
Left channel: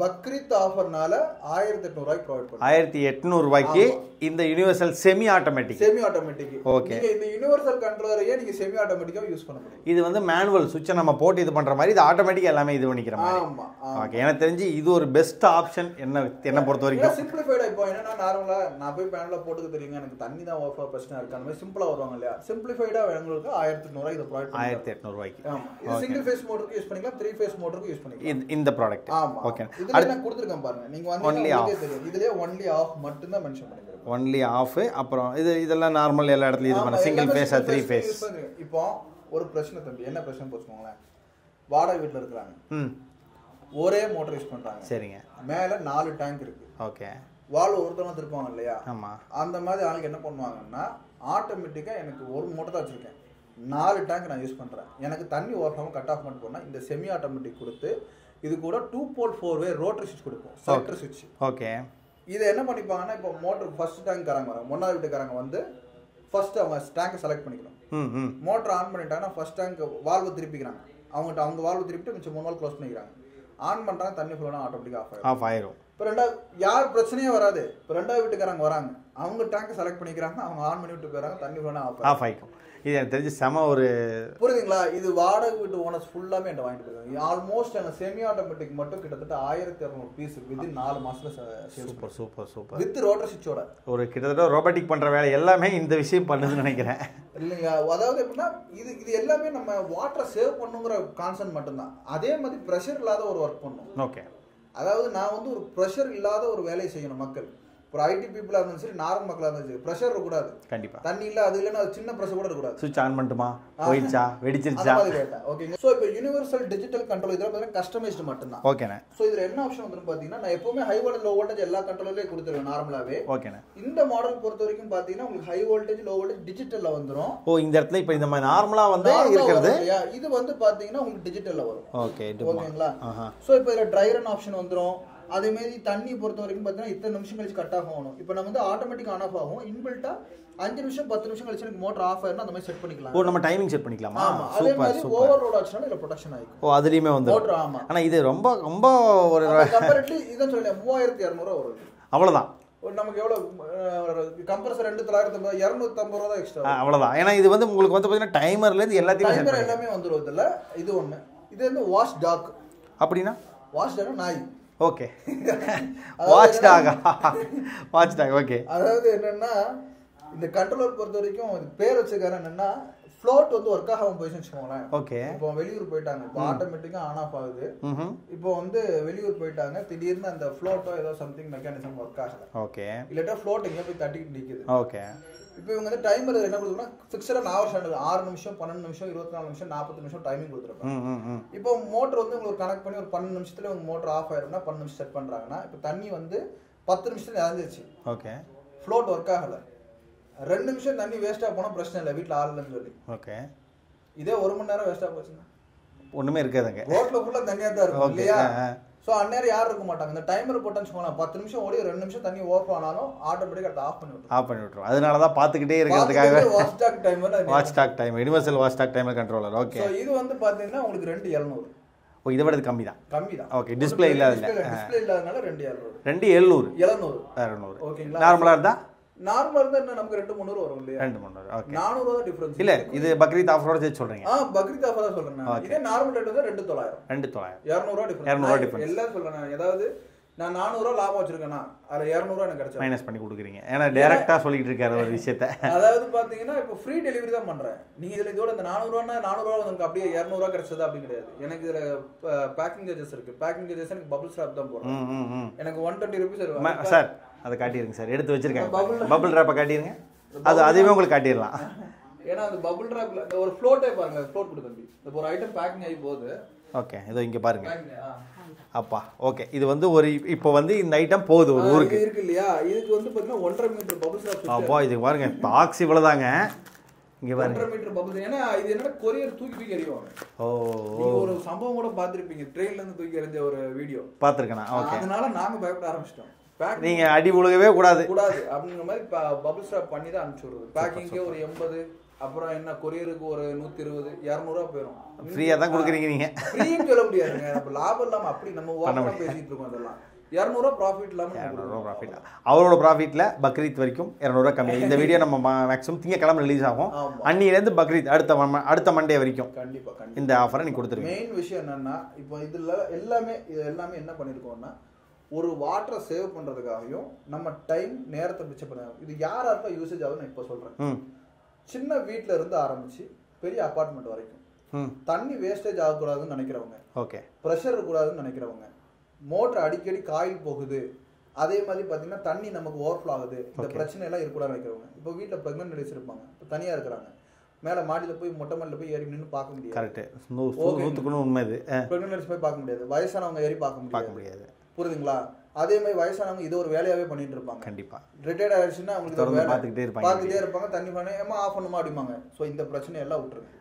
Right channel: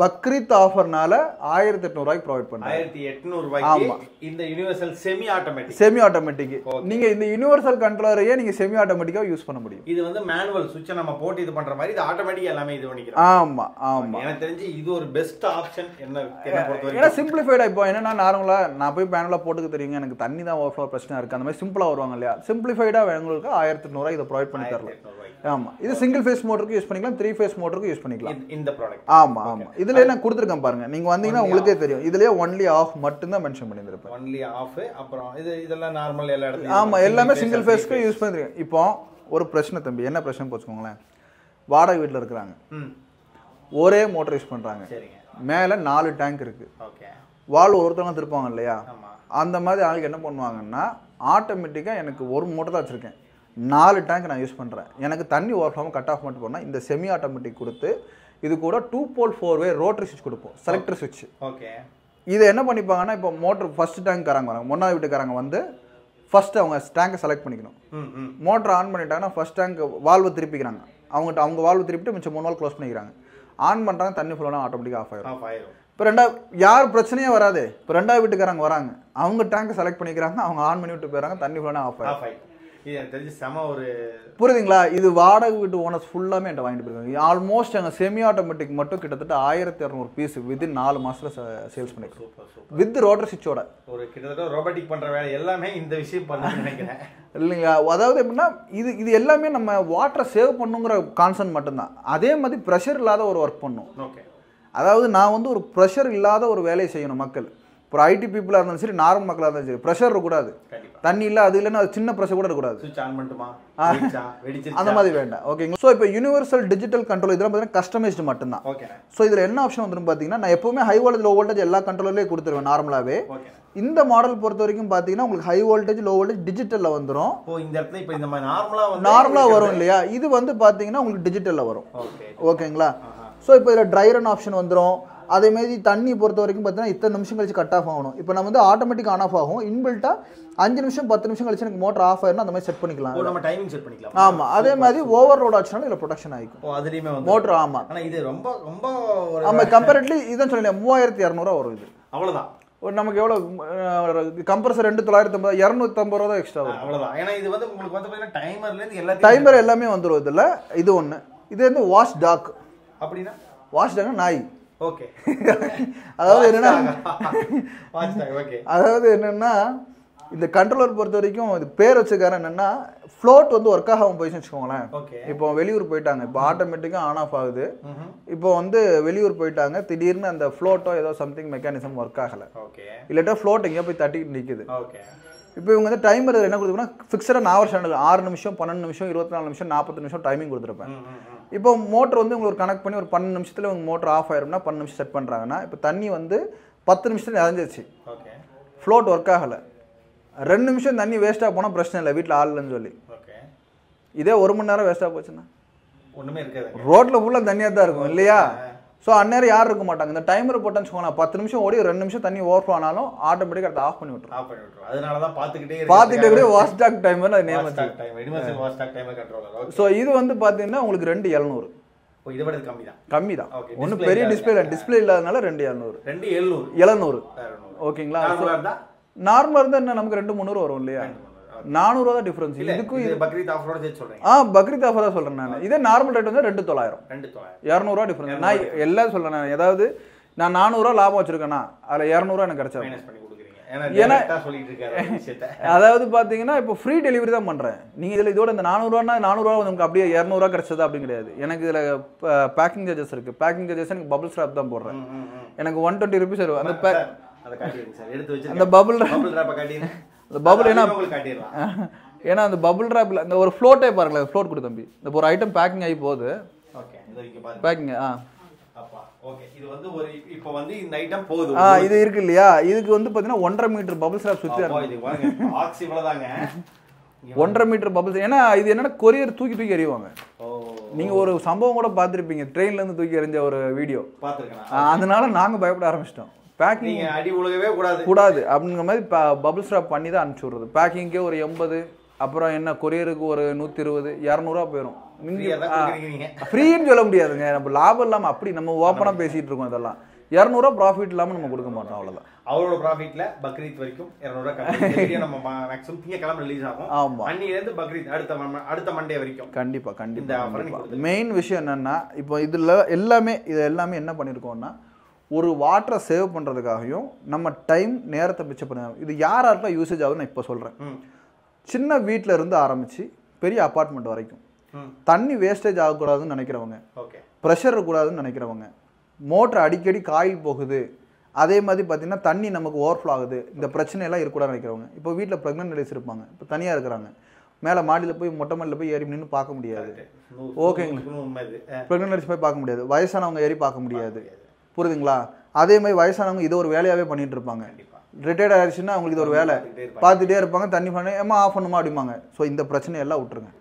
பக்ரீத் ஆஃபர்னால 1800 ரூபாய்க்கு ப்ரொவைட் பண்ணுங்க. 1800 ரூபாய்க்கு இந்த யுனிவர்சல் செமி ஆட்டோமேட்டிக். நீங்க இந்த யுனிவர்சல் கண்ட்ரோலரையே நீங்க செமி ஆட்டோமேட்டிக்கா யூஸ் பண்ண முடியும். இது வந்து மேனுவல் சுவிட்ச் நம்ம போட்டு இது பண்ற மாதிரி, இது ஆட்டோமேட்டிக்கா எல்லாமே இது பண்ணிக்கிறோம். ஆமா ஆமா, எனக்கு தெரிஞ்சு இது ஒரு பெஸ்ட் ஆப்ஷன் என்ன பொறுத்த வரைக்கும். ஏன்னா சிம்பிளிஃபைடா. இப்போ என்னன்னா நார்மலா நான் போய் மேனுவலா போட்டுக்க தெரியுங்க, எனக்கு தண்ணி தான் ஓவர்ஃப்ளோ பிரச்சனை இருக்கு, அந்த மாதிரி சிம்பிளா வருவாங்க இல்லையா. சிம்பிளிஃபைடா உங்களுக்கு 1800 ரூபாய் இதை ப்ரொவைட் பண்ணி 1800 ரூபாய்க்கு. ஆமா, இது சிங்கிள் ஃபேஸ் மோட்டருக்கு யூஸ் பண்ணிக்கலாம், 3 ஃபேஸ் மோட்டருக்கு யூஸ் பண்ணிக்கலாம் இந்த ப்ராடக்ட். ஆமா, இதுல என்ன கொடுத்துருக்கேன் பாருங்க, நீங்க வந்தீங்கன்னா உங்களுக்கே தெரியும். இதுலயே ஒன்லி ஆஃப் மட்டும் தான் மென்ஷன் பண்ணிருப்பேன். Only of. அப்புறம் இதெல்லாம் நார்மல் எல்லா இடத்துலயும். ஆமா, எல்லாமே சிங்கிள் ஃபேஸ்க்கு யூஸ் பண்றீங்க. இப்போ ஒரு பிரச்சனை தம்பி, என்ன பிரச்சனை போச்சுக்கோங்களேன். வாடகை வீட்டுல இருக்கிறாங்க, ஒரே மோட்டர் யூஸ் பண்றாங்க. சரிங்க. மேல 4 டேங்க் இருக்கு. ஓகே. வால்வ் ஒருத்தவங்க திருப்பாங்க இல்லையா. ஆமா. அந்த மாதிரி ஆளுக்கு என்ன பண்ணுவாங்கன்னா, ஆட்டோமேட்டிக்கா எனக்கு ஒரு மோட்டர் தான் வச்சிருக்கேன், 4 டேங்க் நான் யூஸ் பண்றேன், எனக்கு தண்ணி ஓவர்ஃப்ளோ கட் ஆஃப் மட்டும் பண்ணா இந்த செமி ஆட்டோமேட்டிக் கொடுத்து இது கூட 2 போல் 4 வே ரோட்டரி சுவிட்ச் கொடுப்போம், செலக்டர் சுவிட்ச். ஓகே. இது என்ன பண்ணிப்பாங்கன்னா, இப்போ மோட்டர் ஃபர்ஸ்ட் டேங்க் காரங்க வராங்க, மூணாவது வீட்டுக்காரங்க வந்து ஃபர்ஸ்ட் அவங்க டேங்கை செலக்ட் பண்ணிக்கணும். மோட்டர் ஆன் பண்ணிட்டாங்கன்னா ஃபர்ஸ்ட் டேங்க் வால்வை திருப்பிக்கிறாங்க, அவங்க வால்வு திருப்பிட்டு மிச்சம் 3 வால்வ் க்ளோஸ் பண்ணிக்கிறாங்க. ஆன் பண்ணுறாங்க, தண்ணி ஃபுல்லாக ஆட்டோமேட்டிக்காக ஆஃப் ஆயிரும். இப்போ யார் பிரச்சனையே வராது. இப்போ 2வது வீட்டுக்காரங்க வராங்க, அவங்க டேங்கை செலக்ட் பண்ணிக்கிறாங்க, அவங்க ஆன் பண்ணி விட்டு போயிடறாங்க, தண்ணி ஃபுல்லாக ஆஃப் ஆயிக்கும். இது எனக்கு தெரிஞ்சு செம ஒரு, புரியுதுங்களா. இது வாடகை வீட்டு ஓனர்ஸ் ஃபுல்லாமே என்கிட்ட வாங்கிட்டு போயிருக்காங்க. ஆல்மோஸ்ட் அங்கே செமி ஆட்டோமேட்டிக் மட்டும் கிட்டத்தட்ட 1200 பீஸ் வித்தின் 4 மாசத்துல சேல்ஸ் பண்ணி. சூப்பர் வித் ரோட்டர் சுவிட்சோட. ஒரு கிட்டத்தட்ட ரோபோட்டிக் பண்ற வேலை எல்லாமே இந்த விஷயம் பண்ணுன்னு நினைக்கிறேன் இல்லைங்களா. அதாவது எப்படின்னா இது எல்லாமே நம்ம வாட்டரை சேவ் பண்ணுங்கிற கான்செப்ட் மட்டும்தான். அதே மாதிரி ப்ரெஷர் இல்லாத ஒரு ஒர்க் பண்ணும். ஓகே. அதாவது நான் வந்து ஒரு ப்ரெஷர் இல்லாத ஒரு வேலையை செய்யணும் மக்கள். ஒரு ஐடி பீப்புளாக இருந்தாலும் சரி, நார்மல் மக்களாக இருந்தாலும் சரி, ப்ரெஷர் இருக்கக்கூடாது. கண்டிப்பா தண்ணி இல்லை, அது இல்லைன்னா அது சின்ன ப்ரெஷர் கூட இருக்கக்கூடாது. சுவிட்ச் ஆன் பண்ணிட்டுமா வெடிச்சிருச்சா அந்த மாதிரி வேண்டாம். ஓகேங்களா? ஸோ இப்போ யூனிவர்சல் டிஜிட்டல் கண்ட்ரோல் இதெல்லாம் பார்த்தீங்கன்னா கஸ்டமைஸ்டு மட்டும்தான். ஓகேண்ணே. ஸோ இதில் என்ன ஆப்ஷன் வந்துடும் பார்த்தீங்கன்னா, நான் எப்பவுமே ஹை வோல்டேஜ் லோ வோல்டேஜ் எல்லா கண்ட்ரோலர்லேயே கொடுத்துருவேன் நார்மலாகவே. ஓகேண்ணே. இந்த மாடல் பொறுத்த வரைக்கும் பார்த்தீங்கன்னா உங்களுக்கு ஹை வோல்டேஜ் லோ வோல்டேஜ் டிஜிட்டலில் வந்துடும். ஓ, இந்த இடத்துல இப்போ இந்த மாதிரி நார்மலாக வரும் இல்லையா? இது வந்து பார்த்தீங்கன்னா உங்களுக்கு டிஜிட்டலில் வரும். ஓகேங்களா? ஸோ இப்போ இதில் ட்ரை ரன் ஆப்ஷன் வந்துடும். அதே மாதிரி தண்ணி பொறுத்த வரைக்கும் பார்த்தீங்கன்னா இத்தனை நிமிஷம் கழிச்சு கட் ஆஃப் ஆகணும். இப்போ நம்ம வந்து ஆட்டோமேட்டிக் ஆன் ஆஃப் ஆகும். இன்பில்ட்டா 5 நிமிஷம் 10 நிமிஷம் கழிச்சு எனக்கு மோட்டர் ஆஃப் ஆயிரும், அந்த மாதிரி செட் பண்ணிக்கலாம். நம்ம டைமிங் செட் பண்ணிக்கலாம். ஆமா, அதே மாதிரி ஓவர்லோட் ஆச்சுனாலும் இதுல ப்ரொடெக்ஷன் ஆயிக்கும். ஓ, அதுலயுமே வந்து மோட்டர். ஆமா, ஆனா இது ரொம்ப ரொம்ப ஒரு கம்பேரிட்டிவ்லி இதான் சொல்லல 3200 வரும் இது. அவ்வளவுதான். ஒரு நமக்கு எவ்வளவு கம்ப்ரஸர் 2950 250 ரூபா தான் எக்ஸ்ட்ரா. அவ்வளவுதான். ஏன்னா இது வந்து உங்களுக்கு வந்து பாத்தீங்கன்னா டைமர்ல இருந்து எல்லாத்தையும் டைமர் எல்லாமே வந்துரும் இதுல. இது ஒண்ணு. இது வந்து வாஷ் டாக். அப்படினா வாஷ் டாக் நாய். ஓகே. Watch dog. ஓகே. அதாவது என்னன்னா இந்த கண்ட்ரோலர் பொறுத்த வரைக்கும் இது பேர் வச்சுக்காரன் என்னன்னா ஃப்ளோட் வந்து ஒர்க் ஆகாம போயிடுச்சுன்னு வச்சுக்கோங்களேன். ஓகே. இப்போ வெளியூர் போயிட்டாங்க, இப்போ ஆட்டோமேட்டிக்கா ஆன் ஆஃப் ஆகுது. இப்போ வந்து வெளியூர் போயிட்டாங்க, திடீர்னு அந்த ஃப்ளோட்டோ ஏதோ சம்திங் மெக்கானிசம் ஒர்க் ஆகல. ஓகே. இல்லாட்டா ஃப்ளோட் எங்கேயோ போய் தட்டிட்டு நிக்குது. ஓகே. இப்போ இவங்க வந்து டைமர் என்ன கொடுத்துருப்பாங்கன்னா ஃபிக்ஸடாக நான் வருஷம் 6 நிமிஷம் 12 நிமிஷம் 24 நிமிஷம் 40 நிமிஷம் டைமிங் கொடுத்துருப்பேன். இப்போ மோட்டர் வந்து உங்களுக்கு கனெக்ட் பண்ணி ஒரு 12 நிமிஷத்துல உங்க மோட்டர் ஆஃப் ஆயிரும்னா 12 நிமிஷம் செட் பண்றாங்கன்னா இப்போ தண்ணி வந்து 10 நிமிஷத்துல இறஞ்சிருச்சு. ஓகே. ஃப்ளோட் ஒர்க் ஆகல. 2 நிமிஷம் தண்ணி வேஸ்டா போனா பிரச்சனை இல்லை, வீட்டில் ஆள் இல்லைன்னு சொல்லி. ஓகே. இதே 1 மணி நேரம் வேஸ்டா போச்சுன்னா ஒண்ணுமே இருக்காதுங்க. ரோட்ல ஃபுல்லா தண்ணியா தான் இருக்கும் இல்லையா? ஸோ அந்நேரம் யாரும் இருக்க மாட்டாங்க. இந்த டைமர் போட்டேன்னு வச்சுக்கோங்களேன், 10 நிமிஷம் ஓடி 2 நிமிஷம் தண்ணி ஓவர் ஆனாலும் ஆட்டோமேட்டிக்காக அதை ஆஃப் பண்ணி விட்டுரும். அதனால தான் பார்த்துக்கிட்டே wash dog timer, wash dog time, universal wash dog timer controller. Okay. So இது வந்து பார்த்தீங்கன்னா உங்களுக்கு 2700. ஓ, இதை விட கம்மி தான். கம்மி தான். ஓகே. டிஸ்பிளே இல்லாதனால 2700. 700. ஓகேங்களா? நார்மலா இருந்தா என்ன நமக்கு 200-300 வரும் இல்லையா? 400 தான் டிஃபரன்ஸ். இல்ல, இது பக்ரீத் ஆஃபரோட சேர்த்து சொல்றீங்க? பக்ரீத் ஆஃபரா சொல்றேன் நான். இதே நார்மல் ரேட் வந்து 2900. 200 டிஃபரன்ஸ். நான் எல்லாம் சொல்றேன். ஏதாவது நான் 400 லாபம் வச்சிருக்கேனா அதுல 200 எனக்கு கிடைச்சா மைனஸ் பண்ணி கொடுக்குறீங்க. ஏன்னா டைரக்டா சொல்லிட்டு இருக்காரு ஒரு விஷயத்தை. அதாவது பாத்தீங்கன்னா இப்போ ஃப்ரீ டெலிவரி தான் பண்றேன். நீங்க இதுல இதோட இந்த 400 உங்களுக்கு அப்படியே 200 கிடைச்சதா அப்படி கிடையாது. எனக்கு இதுல பேக்கிங் சார்ஜஸ் இருக்கு. பேக்கிங் சார்ஜஸ் எனக்கு பபிள் ஸ்ட்ராப் தான் போடுறேன். எனக்கு 120 ரூபீஸ் வரும். சார் அதை காட்டிடுங்க சார், எடுத்து வச்சிருக்கேன். அந்த பபிள் ராப்பை காட்டிடுங்க. பபிள் உங்களுக்கு காட்டிடலாம். ஏன்னா அந்த பபிள் ராப்ல இந்த ஒரு ஃப்ளோட்டே பாருங்களேன். ஃப்ளோட் கொடு தம்பி. இந்த ஒரு ஐட்டம் பேக்கிங் ஆகி போகுது. ஓகே. இதோ இங்க பாருங்க பேக்கிங். அப்பா. ஓகே. இது வந்து ஒரு இப்போ வந்து இந்த ஐட்டம் போகுது. இது இருக்கு இல்லையா? இதுக்கு வந்து பாத்தீங்கன்னா 1.5 மீட்டர் பபிள் ஸ்ட்ராப் சுத்தி. அப்பா இது பாருங்க, பாக்ஸ் இவ்வளவுதாங்க. இங்க 1.5 மீட்டர் பபிள்ஸ். ஏன்னா இது என்னன்னா கொரியர் தூக்கி எறிவாங்க. ஓ, நீங்க ஒரு சம்பவம் கூட பாத்துருப்பீங்க, ட்ரெயின்ல இருந்து தூக்கி எறிஞ்ச ஒரு வீடியோ பாத்துருக்கேன். அதனால நாங்க பயப்பட ஆரம்பிச்சிட்டோம். பேக்கிங் நீங்க அடி உலகவே கூடாது அப்படிங்கிற மாதிரி பபிள் ஸ்ட்ராப் பண்ணி தான் அனுப்பிச்சு விடுறது. பேக்கிங்கே ஒரு 80, அப்புறம் என்ன கொரியருக்கு ஒரு 120, 200 போயிடும். ஃப்ரீயா தான் கொடுக்குறீங்க நீங்க. ஃப்ரீன்னு சொல்ல முடியாதுங்க. நம்ம லாபம் இல்லாம அப்படி நம்ம ஓப்பனா பேசிட்டு இருக்கோம். இதெல்லாம் 200 ப்ராஃபிட் இல்லாம நம்ம கொடுக்க மாட்டோம். அவ்வளவுதான். அவரோட ப்ராஃபிட்ல பக்ரீத் வரைக்கும் 200 கம்மி. இந்த வீடியோ நம்ம மேக்ஸிமம் திங்கக்கிழமை ரிலீஸ் ஆகும். அன்னில இருந்து பக்ரீத் அடுத்த மண்டே வரைக்கும் கண்டிப்பா இந்த ஆஃபரை நீங்க கொடுத்துருங்க. மெயின் விஷயம் என்னன்னா, இப்போ இதுல எல்லாமே என்ன பண்ணிருக்கோம்னா, ஒரு வாட்டரை சேவ் பண்றதுக்காகவும் நம்ம டைம் நேரத்தை மிச்சம் பண்ண. இது யாரெல்லாம் யூசேஜ் ஆகுதுன்னு நான் இப்போ சொல்றேன். சின்ன வீட்டில் இருந்து ஆரம்பிச்சு பெரிய அப்பார்ட்மெண்ட் வரைக்கும் தண்ணி வேஸ்டேஜ் ஆகக்கூடாதுன்னு நினைக்கிறவங்க, ஓகே, ப்ரெஷர் இருக்கக்கூடாதுன்னு நினைக்கிறவங்க, மோட்டர் அடிக்கடி காய் போகுது, அதே மாதிரி பார்த்தீங்கன்னா தண்ணி நமக்கு ஓவர்ஃப்ளோ ஆகுது, இந்த பிரச்சனையெல்லாம் இருக்கக்கூடாதுன்னு நினைக்கிறவங்க. இப்போ வீட்டில் ப்ரெக்னென்ட் லேடிஸ் இருப்பாங்க, இப்போ தனியாக இருக்கிறாங்க, மேலே மாடியில் போய் மொட்டை மாடியில் போய் ஏறி நின்று பார்க்க முடியாது. ஓகே, உண்மை. இது ப்ரெக்னென்ட் லேடிஸ் போய் பார்க்க முடியாது, வயசானவங்க ஏறி பார்க்க முடியாது. புரியுதுங்களா? அதே மாதிரி வயசானவங்க இதை ஒரு வேலையாகவே பண்ணிட்டு இருப்பாங்க. கண்டிப்பா ரிட்டையர்ட் ஆயிடுச்சுன்னா அவங்களுக்கு இது ஒரு வேலை, பார்த்துட்டே இருப்பாங்க. தண்ணி பண்ணி ஏமா ஆஃப் பண்ணுமா அப்படிம்பாங்க. ஸோ இந்த பிரச்சனையெல்லாம் விட்டுருங்க.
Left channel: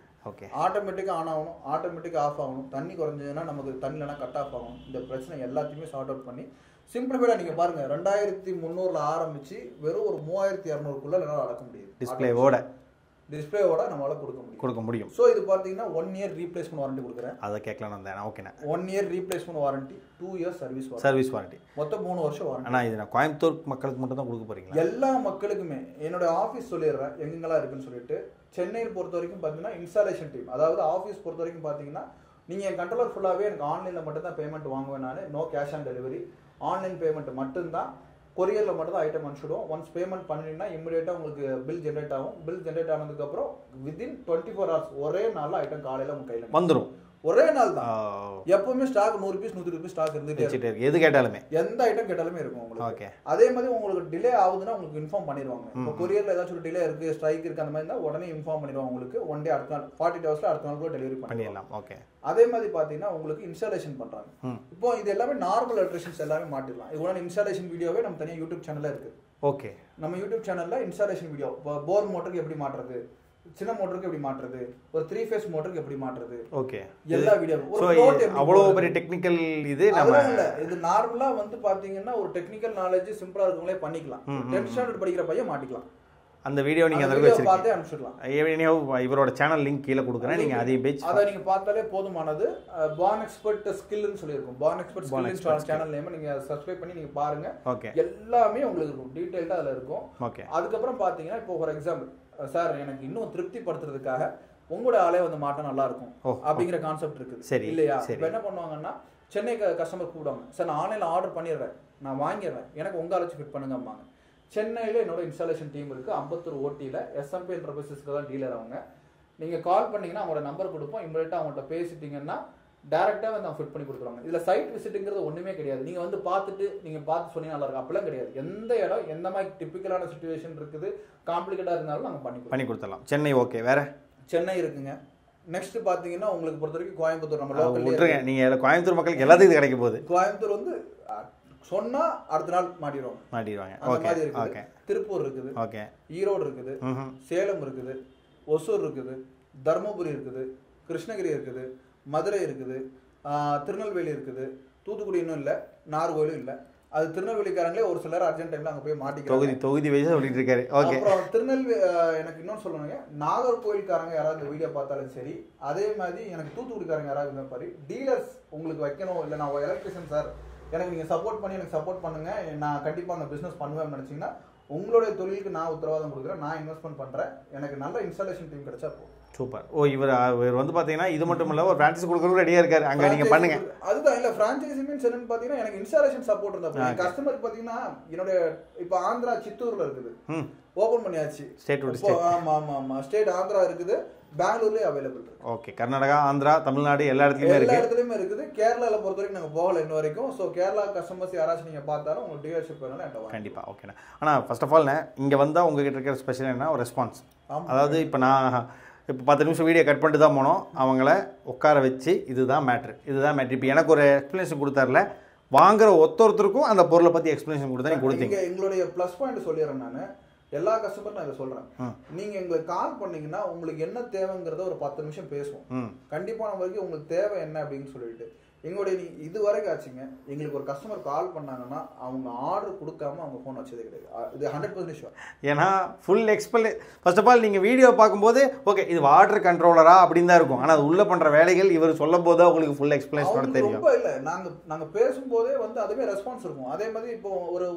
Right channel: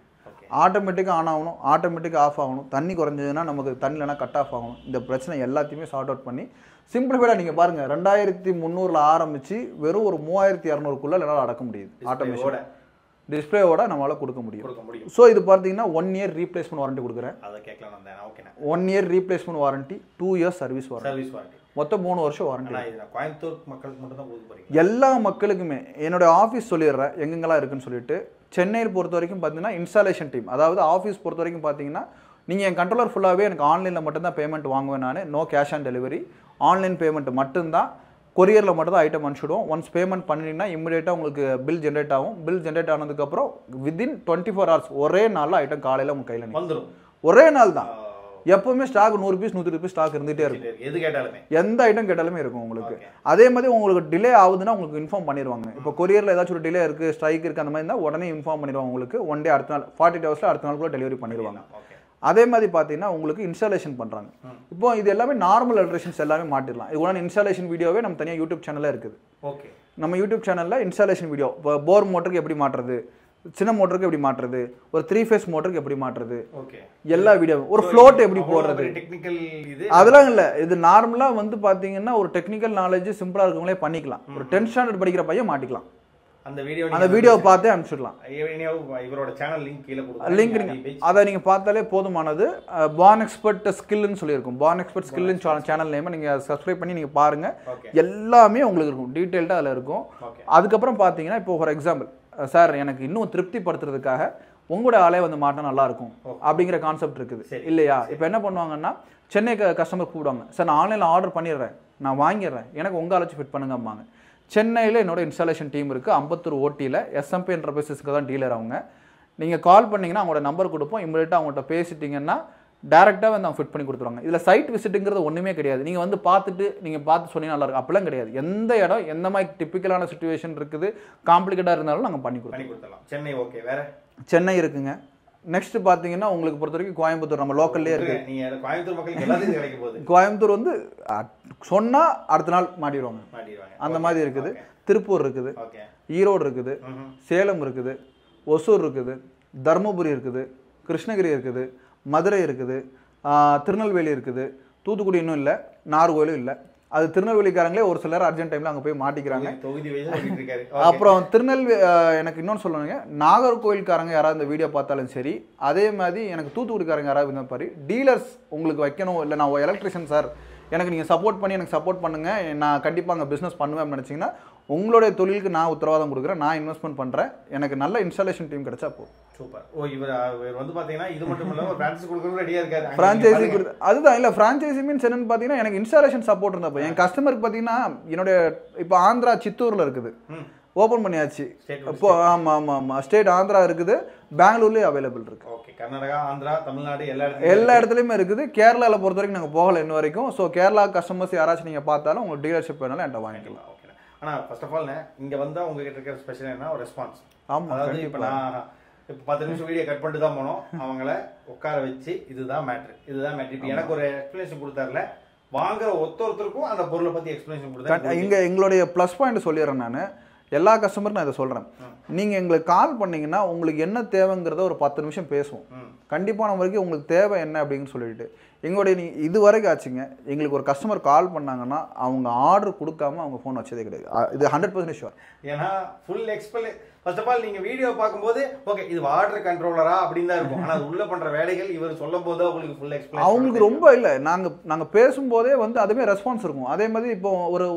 ஆட்டோமேட்டிக்காக ஆன் ஆகணும், ஆட்டோமேட்டிக்காக ஆஃப் ஆகணும். தண்ணி குறைஞ்சதுன்னா நமக்கு தண்ணி இல்லைனா கட் ஆஃப் ஆகணும். இந்த பிரச்சனை எல்லாத்தையுமே சார்ட் அவுட் பண்ணி சிம்பிளிஃபைடாக நீங்கள் பாருங்கள், 2300 ஆரம்பிச்சு வெறும் ஒரு 3200க்குள்ளே என்னால் அடக்க முடியுது. டிஸ்பிளேவோட நம்மளால கொடுக்க முடியும். ஸோ இது பார்த்தீங்கன்னா 1 இயர் ரீப்ளேஸ்மெண்ட் வாரண்டி கொடுக்குறேன். அதை கேட்கலாம் வந்தேன். ஓகேண்ணா, 1 year replacement warranty, 2 years service warranty, மொத்தம் 3 வருஷம் வாரண்டி. ஆனால் இது கோயம்புத்தூர் மக்களுக்கு மட்டும் தான் கொடுக்க போறீங்க? எல்லா மக்களுக்குமே. என்னோட ஆஃபீஸ் சொல்லிடுறேன் எங்கெங்கெல்லாம் இருக்குன்னு சொல்லிட்டு. சென்னையில் பொறுத்த வரைக்கும் பார்த்தீங்கன்னா இன்ஸ்டாலேஷன் டீம், அதாவது ஆஃபீஸ் பொறுத்த வரைக்கும் பார்த்தீங்கன்னா நீங்கள் என் கண்ட்ரோலர் ஃபுல்லாகவே எனக்கு ஆன்லைனில் மட்டும்தான் பேமெண்ட் வாங்குவேன் நான். No cash on delivery, online payment மட்டும்தான். கொரியரில் மட்டும் தான் ஐட்டம் அனுப்பிச்சிடுவோம். ஒன்ஸ் பேமெண்ட் பண்ணிட்டீங்கன்னா இமிடியேட்டாக உங்களுக்கு பில் ஜென்ரேட் ஆகும். பில் ஜென்ரேட் ஆனதுக்கப்புறம் வித்தின் 24 hours ஒரே நாளில் ஐட்டம் காலையில் உங்கள் கையில் வந்துடும். ஒரே நாள் தான். எப்பவுமே ஸ்டாக் 100 பீஸ் 100 பீஸ் ஸ்டாக் இருந்துட்டே இருக்கு. எது கேட்டாலுமே எந்த ஐட்டம் கேட்டாலுமே இருக்கும் உங்களுக்கு. அதே மாதிரி உங்களுக்கு டிலே ஆகுதுன்னா உங்களுக்கு இன்ஃபார்ம் பண்ணிடுவாங்க. இப்போ கொரியர்ல ஏதாச்சும் ஒரு டிலே இருக்கு, ஸ்ட்ரைக் இருக்கு, அந்த மாதிரி இருந்தால் உடனே இன்ஃபார்ம் பண்ணிடுவாங்க உங்களுக்கு. ஒன் டே அடுத்த நாள் 48 ஹவர்ஸ்ல அடுத்த நாளுக்குள்ள டெலிவரி பண்ணிடலாம். ஓகே. அதே மாதிரி பார்த்தீங்கன்னா உங்களுக்கு இன்ஸ்டாலேஷன் பண்றாங்க. இப்போ இது எல்லாமே நார்மல் அல்ட்ரேஷன்ஸ் எல்லாமே மாட்டிடலாம். இது கூட இன்ஸ்டாலேஷன் வீடியோவே நம்ம தனியாக யூடியூப் சேனல்ல இருக்குது. ஓகே. நம்ம யூடியூப் சேனல்ல இன்ஸ்டாலேஷன் வீடியோ, போர் மோட்டருக்கு எப்படி மாற்றுறது, சின்ன மோட்டருக்கு எப்படி மாற்றுறது, ஒரு 3 ஃபேஸ் மோட்டருக்கு எப்படி மாற்றுறது, ஓகே, எல்லா வீடியோ, ஒரு ஃப்ளோட் எப்படி போடுறது, டெக்னிக்கல் இது அதெல்லாம் இல்ல. இது நார்மலா வந்து பாத்தீங்கன்னா ஒரு டெக்னிக்கல் நாலேஜ் சிம்பிளா இருக்கவங்களே பண்ணிக்கலாம். ஒரு 10th ஸ்டாண்டர்ட் படிக்கிற பையன் மாட்டிக்கலாம். அந்த வீடியோ பார்த்தே அனுப்பிச்சிடலாம். இவரோட சேனல் லிங்க் கீழே கொடுக்குறேன். லிங்க் அதை நீங்க பார்த்தாலே போதுமானது. பான் எக்ஸ்பர்ட் ஸ்கில்னு சொல்லியிருக்கும். பான் எக்ஸ்பர்ட் ஸ்கில்னு சேனல் நேம் நீங்க சப்ஸ்கிரைப் பண்ணி நீங்க பாருங்க. எல்லாமே உங்களுக்கு இருக்கும், டீடைல்டா அதுல இருக்கும். அதுக்கப்புறம் பாத்தீங்கன்னா இப்போ ஃபார் எக்ஸாம்பிள், சார் எனக்கு இன்னும் திருப்திப்படுத்துறதுக்காக உங்களோட ஆளே வந்து மாட்டா நல்லா இருக்கும் அப்படிங்கிற கான்செப்ட் இருக்குது இல்லையா? இப்போ என்ன பண்ணுவாங்கன்னா சென்னை கஸ்டமர் கூப்பிடுவாங்க, சார் நான் ஆன்லைன்ல ஆர்டர் பண்ணிடுறேன், நான் வாங்கிடுறேன், எனக்கு உங்க ஆளச்சு ஃபிட் பண்ணுங்கம்பாங்க. சென்னையில் என்னோட இன்ஸ்டாலேஷன் டீம் இருக்குது. அம்பத்தூர் ஓட்டியில் SMP என்டர்பிரைசஸ்க்கு தான் டீலர். அவங்க நீங்கள் கால் பண்ணிங்கன்னா அவங்களோட நம்பர் கொடுப்போம். இமீடியட்டாக அவங்கள்ட்ட பேசிட்டிங்கன்னா டேரெக்டாக வந்து அவங்க ஃபிட் பண்ணி கொடுத்துருவாங்க. இதில் சைட் விசிட்டுங்கிறது ஒன்றுமே கிடையாது. நீங்கள் வந்து நீங்கள் பார்த்து சொன்னீங்கன்னா நல்லாயிருக்கும், அப்படிலாம் கிடையாது. எந்த இடம் எந்த மாதிரி டிப்பிக்கலான சுச்சுவேஷன் இருக்குது, காம்ப்ளிகேட்டாக இருந்தாலும் நாங்கள் பண்ணி கொடுத்துடலாம். சென்னை ஓகே. வேறு சென்னை இருக்குங்க. நெக்ஸ்ட் பார்த்தீங்கன்னா உங்களுக்கு பொறுத்த வரைக்கும் கோயம்புத்தூர் நம்ம லோக்கல்லே இருக்கு. நீங்கள் கோயம்புத்தூர் மக்களுக்கு எல்லாத்துக்கும் கிடைக்க போகுது. கோயம்புத்தூர் வந்து சொன்னா அடுத்த நாள் மாட்டிடுவாங்க. அந்த மாதிரி இருக்குது. திருப்பூர் இருக்குது, ஈரோடு இருக்குது, சேலம் இருக்குது, ஒசூர் இருக்குது, தர்மபுரி இருக்குது, கிருஷ்ணகிரி இருக்குது, மதுரை இருக்குது, திருநெல்வேலி இருக்குது, தூத்துக்குடி இன்னும் இல்லை, நாகர்கோயிலும் இல்லை. அது திருநெல்வேலிக்காரங்களே ஒரு சிலர் அர்ஜென்ட் டைம்ல அங்கே போய் மாட்டிக்கிறாங்க. தொகுதி வயசா இருக்காரு. அப்புறம் திருநெல்வேலி எனக்கு இன்னொன்று சொல்லுவாங்க, நாகர்கோயில்காரங்க யாராவது இந்த வீடியோ பார்த்தாலும் சரி, அதே மாதிரி எனக்கு தூத்துக்குடிக்காரங்க யாராவது இந்த மாதிரி டீலர்ஸ் உங்களுக்கு வைக்கணும், இல்லை நான் எலக்ட்ரிஷியன் சார் எனக்கு நீங்கள் சப்போர்ட் பண்ணி எனக்கு சப்போர்ட் பண்ணுங்கள், நான் கண்டிப்பாக அங்கே பிஸ்னஸ் பண்ணுவேன் நினச்சிங்கன்னா உங்களுடைய தொழிலுக்கு நான் உத்தரவாதம் கொடுக்குறேன், நான் இன்வெஸ்ட்மெண்ட் பண்ணுறேன், எனக்கு நல்ல இன்ஸ்டாலேஷன் டீம் கிடைச்சா போதும். சூப்பர். இவர் வந்து பார்த்தீங்கன்னா இது மட்டும் இல்லை, ஒரு ஃப்ரான்ச்சைஸ் கொடுக்குறதுக்கு ரெடியாக இருக்காரு. அதுதான் இல்லை, ஃப்ரான்ச்சைசி மீன்ஸ் என்னன்னு பார்த்தீங்கன்னா எனக்கு இன்ஸ்டாலேஷன் சப்போர்ட் இருந்தப்போ என் கஸ்டமருக்கு பார்த்தீங்கன்னா என்னுடைய இப்போ ஆந்திரா சித்தூரில் இருக்குது, ஓப்பன் பண்ணியாச்சு. இப்போ ஆமாம் ஸ்டேட் ஆந்திரா இருக்குது, பெங்களூர்லேயே அவைலபிள் இருக்கு. ஓகே. கர்நாடகா, ஆந்திரா, தமிழ்நாடு எல்லா இடத்துலையுமே இருக்குது. கேரளாவில் பொறுத்த வரைக்கும் நாங்கள் போகலை இன்ன வரைக்கும். ஸோ கேரளா கஸ்டமர்ஸ் யாராச்சும் நீங்கள் பார்த்தாலும் உங்களுக்கு டீலர்ஷிப் வேணாலும் என்கிட்ட வாங்கிக்கலாம். ஓகேண்ணா. ஆனால் ஃபர்ஸ்ட் ஆஃப் ஆல் இங்கே வந்தால் உங்ககிட்ட இருக்கிற ஸ்பெஷல் என்ன, ஒரு ரெஸ்பான்ஸ். அதாவது இப்போ நான் 10 நிமிஷம் வீடியோ கட் பண்ணிட்டு தான் போனோம், அவங்கள உட்கார வச்சு இதுதான் மேட்ரு. இப்போ எனக்கு ஒரு எக்ஸ்பிளேஷன் கொடுத்தாருல, வாங்குற ஒருத்தருக்கும் அந்த பொருளை பற்றி எக்ஸ்பிளேஷன் கொடுத்தா இங்கே எங்களுடைய ப்ளஸ் பாயிண்ட் சொல்லிடுறேன் நான். எல்லா கஸ்டமரும் நான் இதை சொல்கிறேன், நீங்கள் எங்களுக்கு கால் பண்ணிங்கன்னா உங்களுக்கு என்ன தேவைங்கிறத ஒரு 10 நிமிஷம் பேசுவோம். கண்டிப்பான வரைக்கும் உங்களுக்கு தேவை என்ன அப்படின்னு சொல்லிட்டு எங்களுடைய இது வரைக்கும் ஆச்சுங்க. எங்களுக்கு ஒரு கஸ்டமர் கால் பண்ணாங்கன்னா அவங்க ஆர்டர் கொடுக்காம அவங்க ஃபோன் வச்சதே கிடையாது. இது 100% ஷுவர். ஏன்னா ஃபுல் ஃபர்ஸ்ட் ஆஃப் ஆல் நீங்கள் வீடியோ பார்க்கும்போது ஓகே இது வாட்டர் கண்ட்ரோலரா அப்படின்னு தான் இருக்கும். ஆனால் அது உள்ள பண்ணுற வேலைகள் இவர் சொல்லும் போது அவங்களுக்கு ஃபுல் எக்ஸ்பிளைன் அவங்களுக்கு ரொம்ப இல்லை. நாங்கள் பேசும்போதே வந்து அதுவே ரெஸ்பான்ஸ் இருக்கும். அதே மாதிரி இப்போ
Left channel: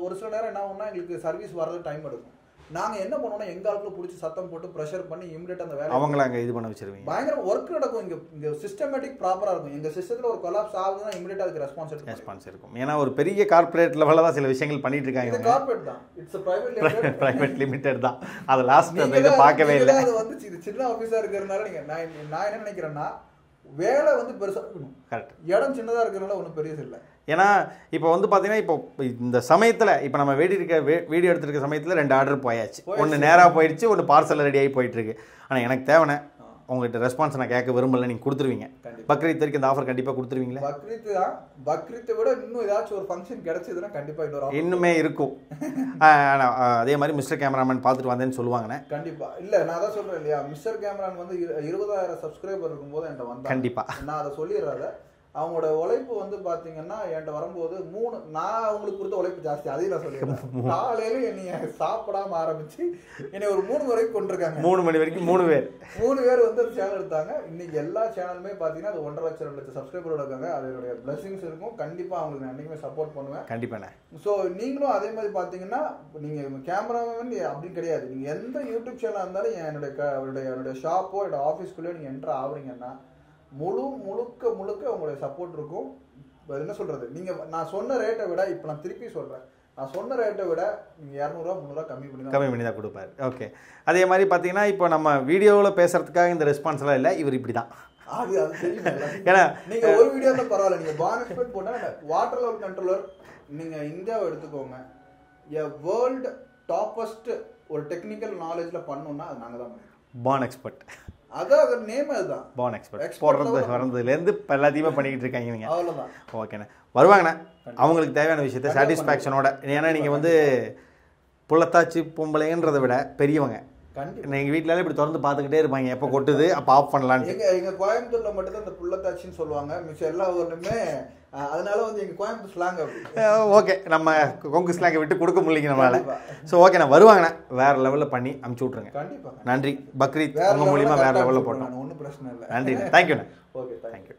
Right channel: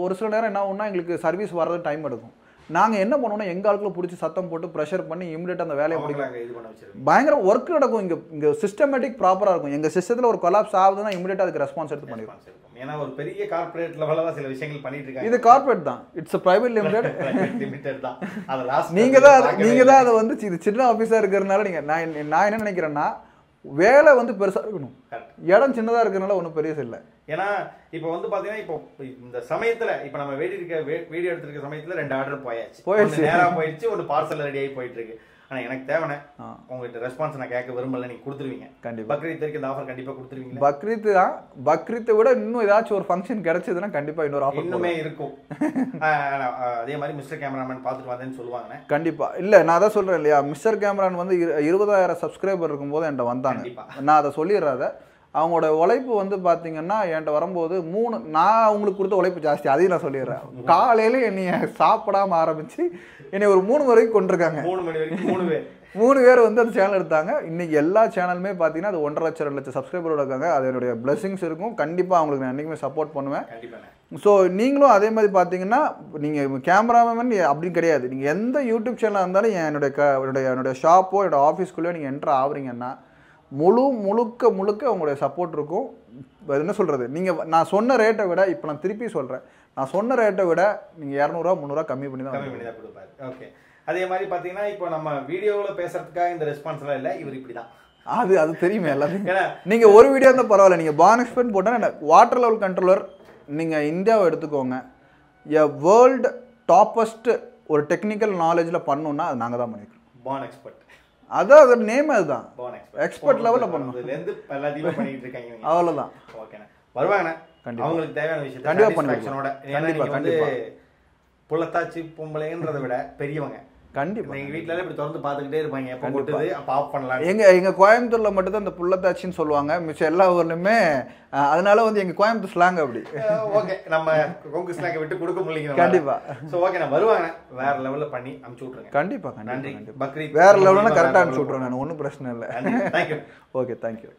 ஒரு சில நேரம் என்ன ஒன்றா எங்களுக்கு சர்வீஸ் வர்றது டைம் எடுக்கும். நாங்கள் என்ன பண்ணுவோம்னா எங்கள் ஆளுக்குள்ள பிடிச்சி சத்தம் போட்டு ப்ரெஷர் பண்ணி இமிடியேட் அந்த வேலையை அவங்களாங்க இது பண்ண வச்சிருவீங்க. பயங்கர ஒர்க் நடக்கும். இங்கே சிஸ்டமேட்டிக் ப்ராப்பராக இருக்கும். எங்கள் சிஸ்டத்தில் ஒரு கொலாப்ஸ் ஆகுதுன்னா இமிடியேட் அதுக்கு ரெஸ்பான்ஸ் இருக்கும். ஏன்னா ஒரு பெரிய கார்பரேட் லெவலில் தான் சில விஷயங்கள் பண்ணிட்டு இருக்காங்க. இது கார்பரேட் தான், இட்ஸ் பிரைவேட் லிமிடெட் தான். அது லாஸ்ட் நீங்கள் தான் அதை வந்து இது சின்ன ஆஃபீஸாக இருக்கிறதுனால நீங்கள் நான் என்ன நினைக்கிறேன்னா வேலை வந்து பெருசாக இருக்கணும், இடம் சின்னதாக இருக்கிறதுனால ஒன்றும் பெரிய இல்லை. ஏன்னா இப்போ வந்து பார்த்தீங்கன்னா இப்போ இந்த சமயத்தில் இப்போ நம்ம வீடியோ எடுத்துருக்க சமயத்தில் 2 ஆர்டர் போயாச்சு. ஒன்று நேராக போயிடுச்சு, ஒன்று பார்சல் ரெடி ஆகி போயிட்டு இருக்கு. ஆனால் எனக்கு தேவைண்ணே உங்கள்கிட்ட ரெஸ்பான்ஸ் நான் கேட்க விரும்பல, நீங்கள் கொடுத்துருவீங்க கண்டிப்பாக. பக்ரீத் வரைக்கும் இந்த ஆஃபர் கண்டிப்பாக கொடுத்துருவீங்க. பக்ரீத் தான், பக்ரீத்தை விட இன்னும் ஏதாச்சும் ஒரு ஃபங்க்ஷன் கிடைச்சதுன்னா கண்டிப்பாக இன்னொரு ஆஃபர் இன்னுமே இருக்கும். அதே மாதிரி மிஸ்டர் கேமராமேன் பார்த்துட்டு வந்தேன்னு சொல்லுவாங்கண்ணே. கண்டிப்பாக இல்லை, நான் அதான் சொல்கிறேன் இல்லையா, மிஸ்டர் கேமரான் வந்து 20,000 சப்ஸ்கிரைபர் இருக்கும்போது என்கிட்ட வந்தாங்க. கண்டிப்பாக நான் அதை சொல்லிடுறாத. அவங்களோட உழைப்பு வந்து பார்த்தீங்கன்னா என்கிட்ட வரும்போது நான் அவங்களுக்கு கொடுத்த உழைப்பு ஜாஸ்தி, அதையும் நான் சொல்லிடுறேன். காலையில என்னைய சாப்பிடாம ஆரம்பிச்சு என்னை ஒரு 3 வரைக்கும் கொண்டிருக்காங்க. 3 மணி வரைக்கும் 3 பேர் வந்து அந்த சேனல் எடுத்தாங்க. இன்னைக்கு எல்லா சேனலுமே பார்த்தீங்கன்னா அது 1.5 லட்சம் 2 லட்சம் சப்ஸ்கிரைபரோட இருக்காங்க. அதனுடைய பிளஸிங்ஸ் இருக்கும். கண்டிப்பாக அவங்களுக்கு நான் என்னைக்குமே சப்போர்ட் பண்ணுவேன். கண்டிப்பாக. ஸோ நீங்களும் அதே மாதிரி பார்த்தீங்கன்னா நீங்கள் கேமராமேன் அப்படின்னு கிடையாது, நீங்கள் எந்த யூடியூப் சேனலாக இருந்தாலும் என்னுடைய ஷாப்போ என்னோட ஆஃபீஸ்க்குள்ளேயோ நீங்கள் என்ட்ரு ஆகுறீங்கன்னா முழுக்க உங்களுடைய சப்போர்ட் இருக்கும். என்ன சொல்கிறது, நீங்கள் நான் சொன்ன ரேட்டை விட இப்போ நான் திருப்பி சொல்கிறேன், நான் சொன்ன ரேட்டை விட நீங்கள் 200 300 கம்மி பண்ணி தான் கொடுப்பாரு. ஓகே. அதே மாதிரி பார்த்தீங்கன்னா இப்போ நம்ம வீடியோவில் பேசுகிறதுக்காக இந்த ரெஸ்பான்ஸ்லாம் இல்லை, இவர் இப்படி தான் அது தெரியுமே எல்லாத்துக்கும். ஏன்னா நீங்க ஒரு வீடியோ இருந்தால் பரவாயில்ல, நீங்க பான் எக்ஸ்பர்ட் போட்டா வாட்டர் லெவல் கண்ட்ரோலர் நீங்க இந்தியாவை எடுத்துக்கோங்க, வேர்ல்டு டாப்பஸ்ட் ஒரு டெக்னிக்கல் நாலேஜ்ல பண்ணணும்னா அது நாங்க தான் பண்ணிருக்கோம். பான் எக்ஸ்பர்ட், அதான் அதோட நேம் அதுதான். பான் எக்ஸ்பர்ட், எக்ஸ்பர்ட் லெவல்ல வரதுலேருந்து இப்போ எல்லாத்தையுமே பண்ணிக்கிட்டு இருக்காங்க நீங்க. அவ்வளவுதான். ஓகேண்ணே, வருவாங்கண்ணே அவங்களுக்கு தேவையான விஷயத்த சாட்டிஸ்ஃபேக்ஷனோட. ஏன்னா நீங்க வந்து புள்ளத்தாச்சி பொம்பளைன்றதை விட பெரியவங்க. கண்டிப்பா எங்க வீட்டுல இப்படி திறந்து பார்த்துக்கிட்டே இருப்பாங்க, எப்போ கொட்டுது அப்போ ஆஃப் பண்ணலாம். எங்க கோயம்புத்தூர்ல மட்டும் தான் இந்த புள்ளத்தாச்சின்னு சொல்லுவாங்க, மிச்சம் எல்லா ஊர்லயுமே. அதனால வந்து எங்க கோயம்புத்தூர் ஸ்லாங் அப்படி. ஓகே, நம்ம கொங்கு ஸ்லாங்கை விட்டு கொடுக்க முடியல. கண்டிப்பா. ஸோ ஓகேண்ணா, வருவாங்கண்ணா வேற லெவலில் பண்ணி அமுச்சு விட்ருங்க. கண்டிப்பா. நன்றி. பக்ரீத் வேற லெவலில் கரெக்டாக அனுப்பிச்சு விட்ருவேன் நான், ஒன்றும் பிரச்சனை இல்லை. நன்றி, தேங்க்யூண்ணா. Okay, thank you.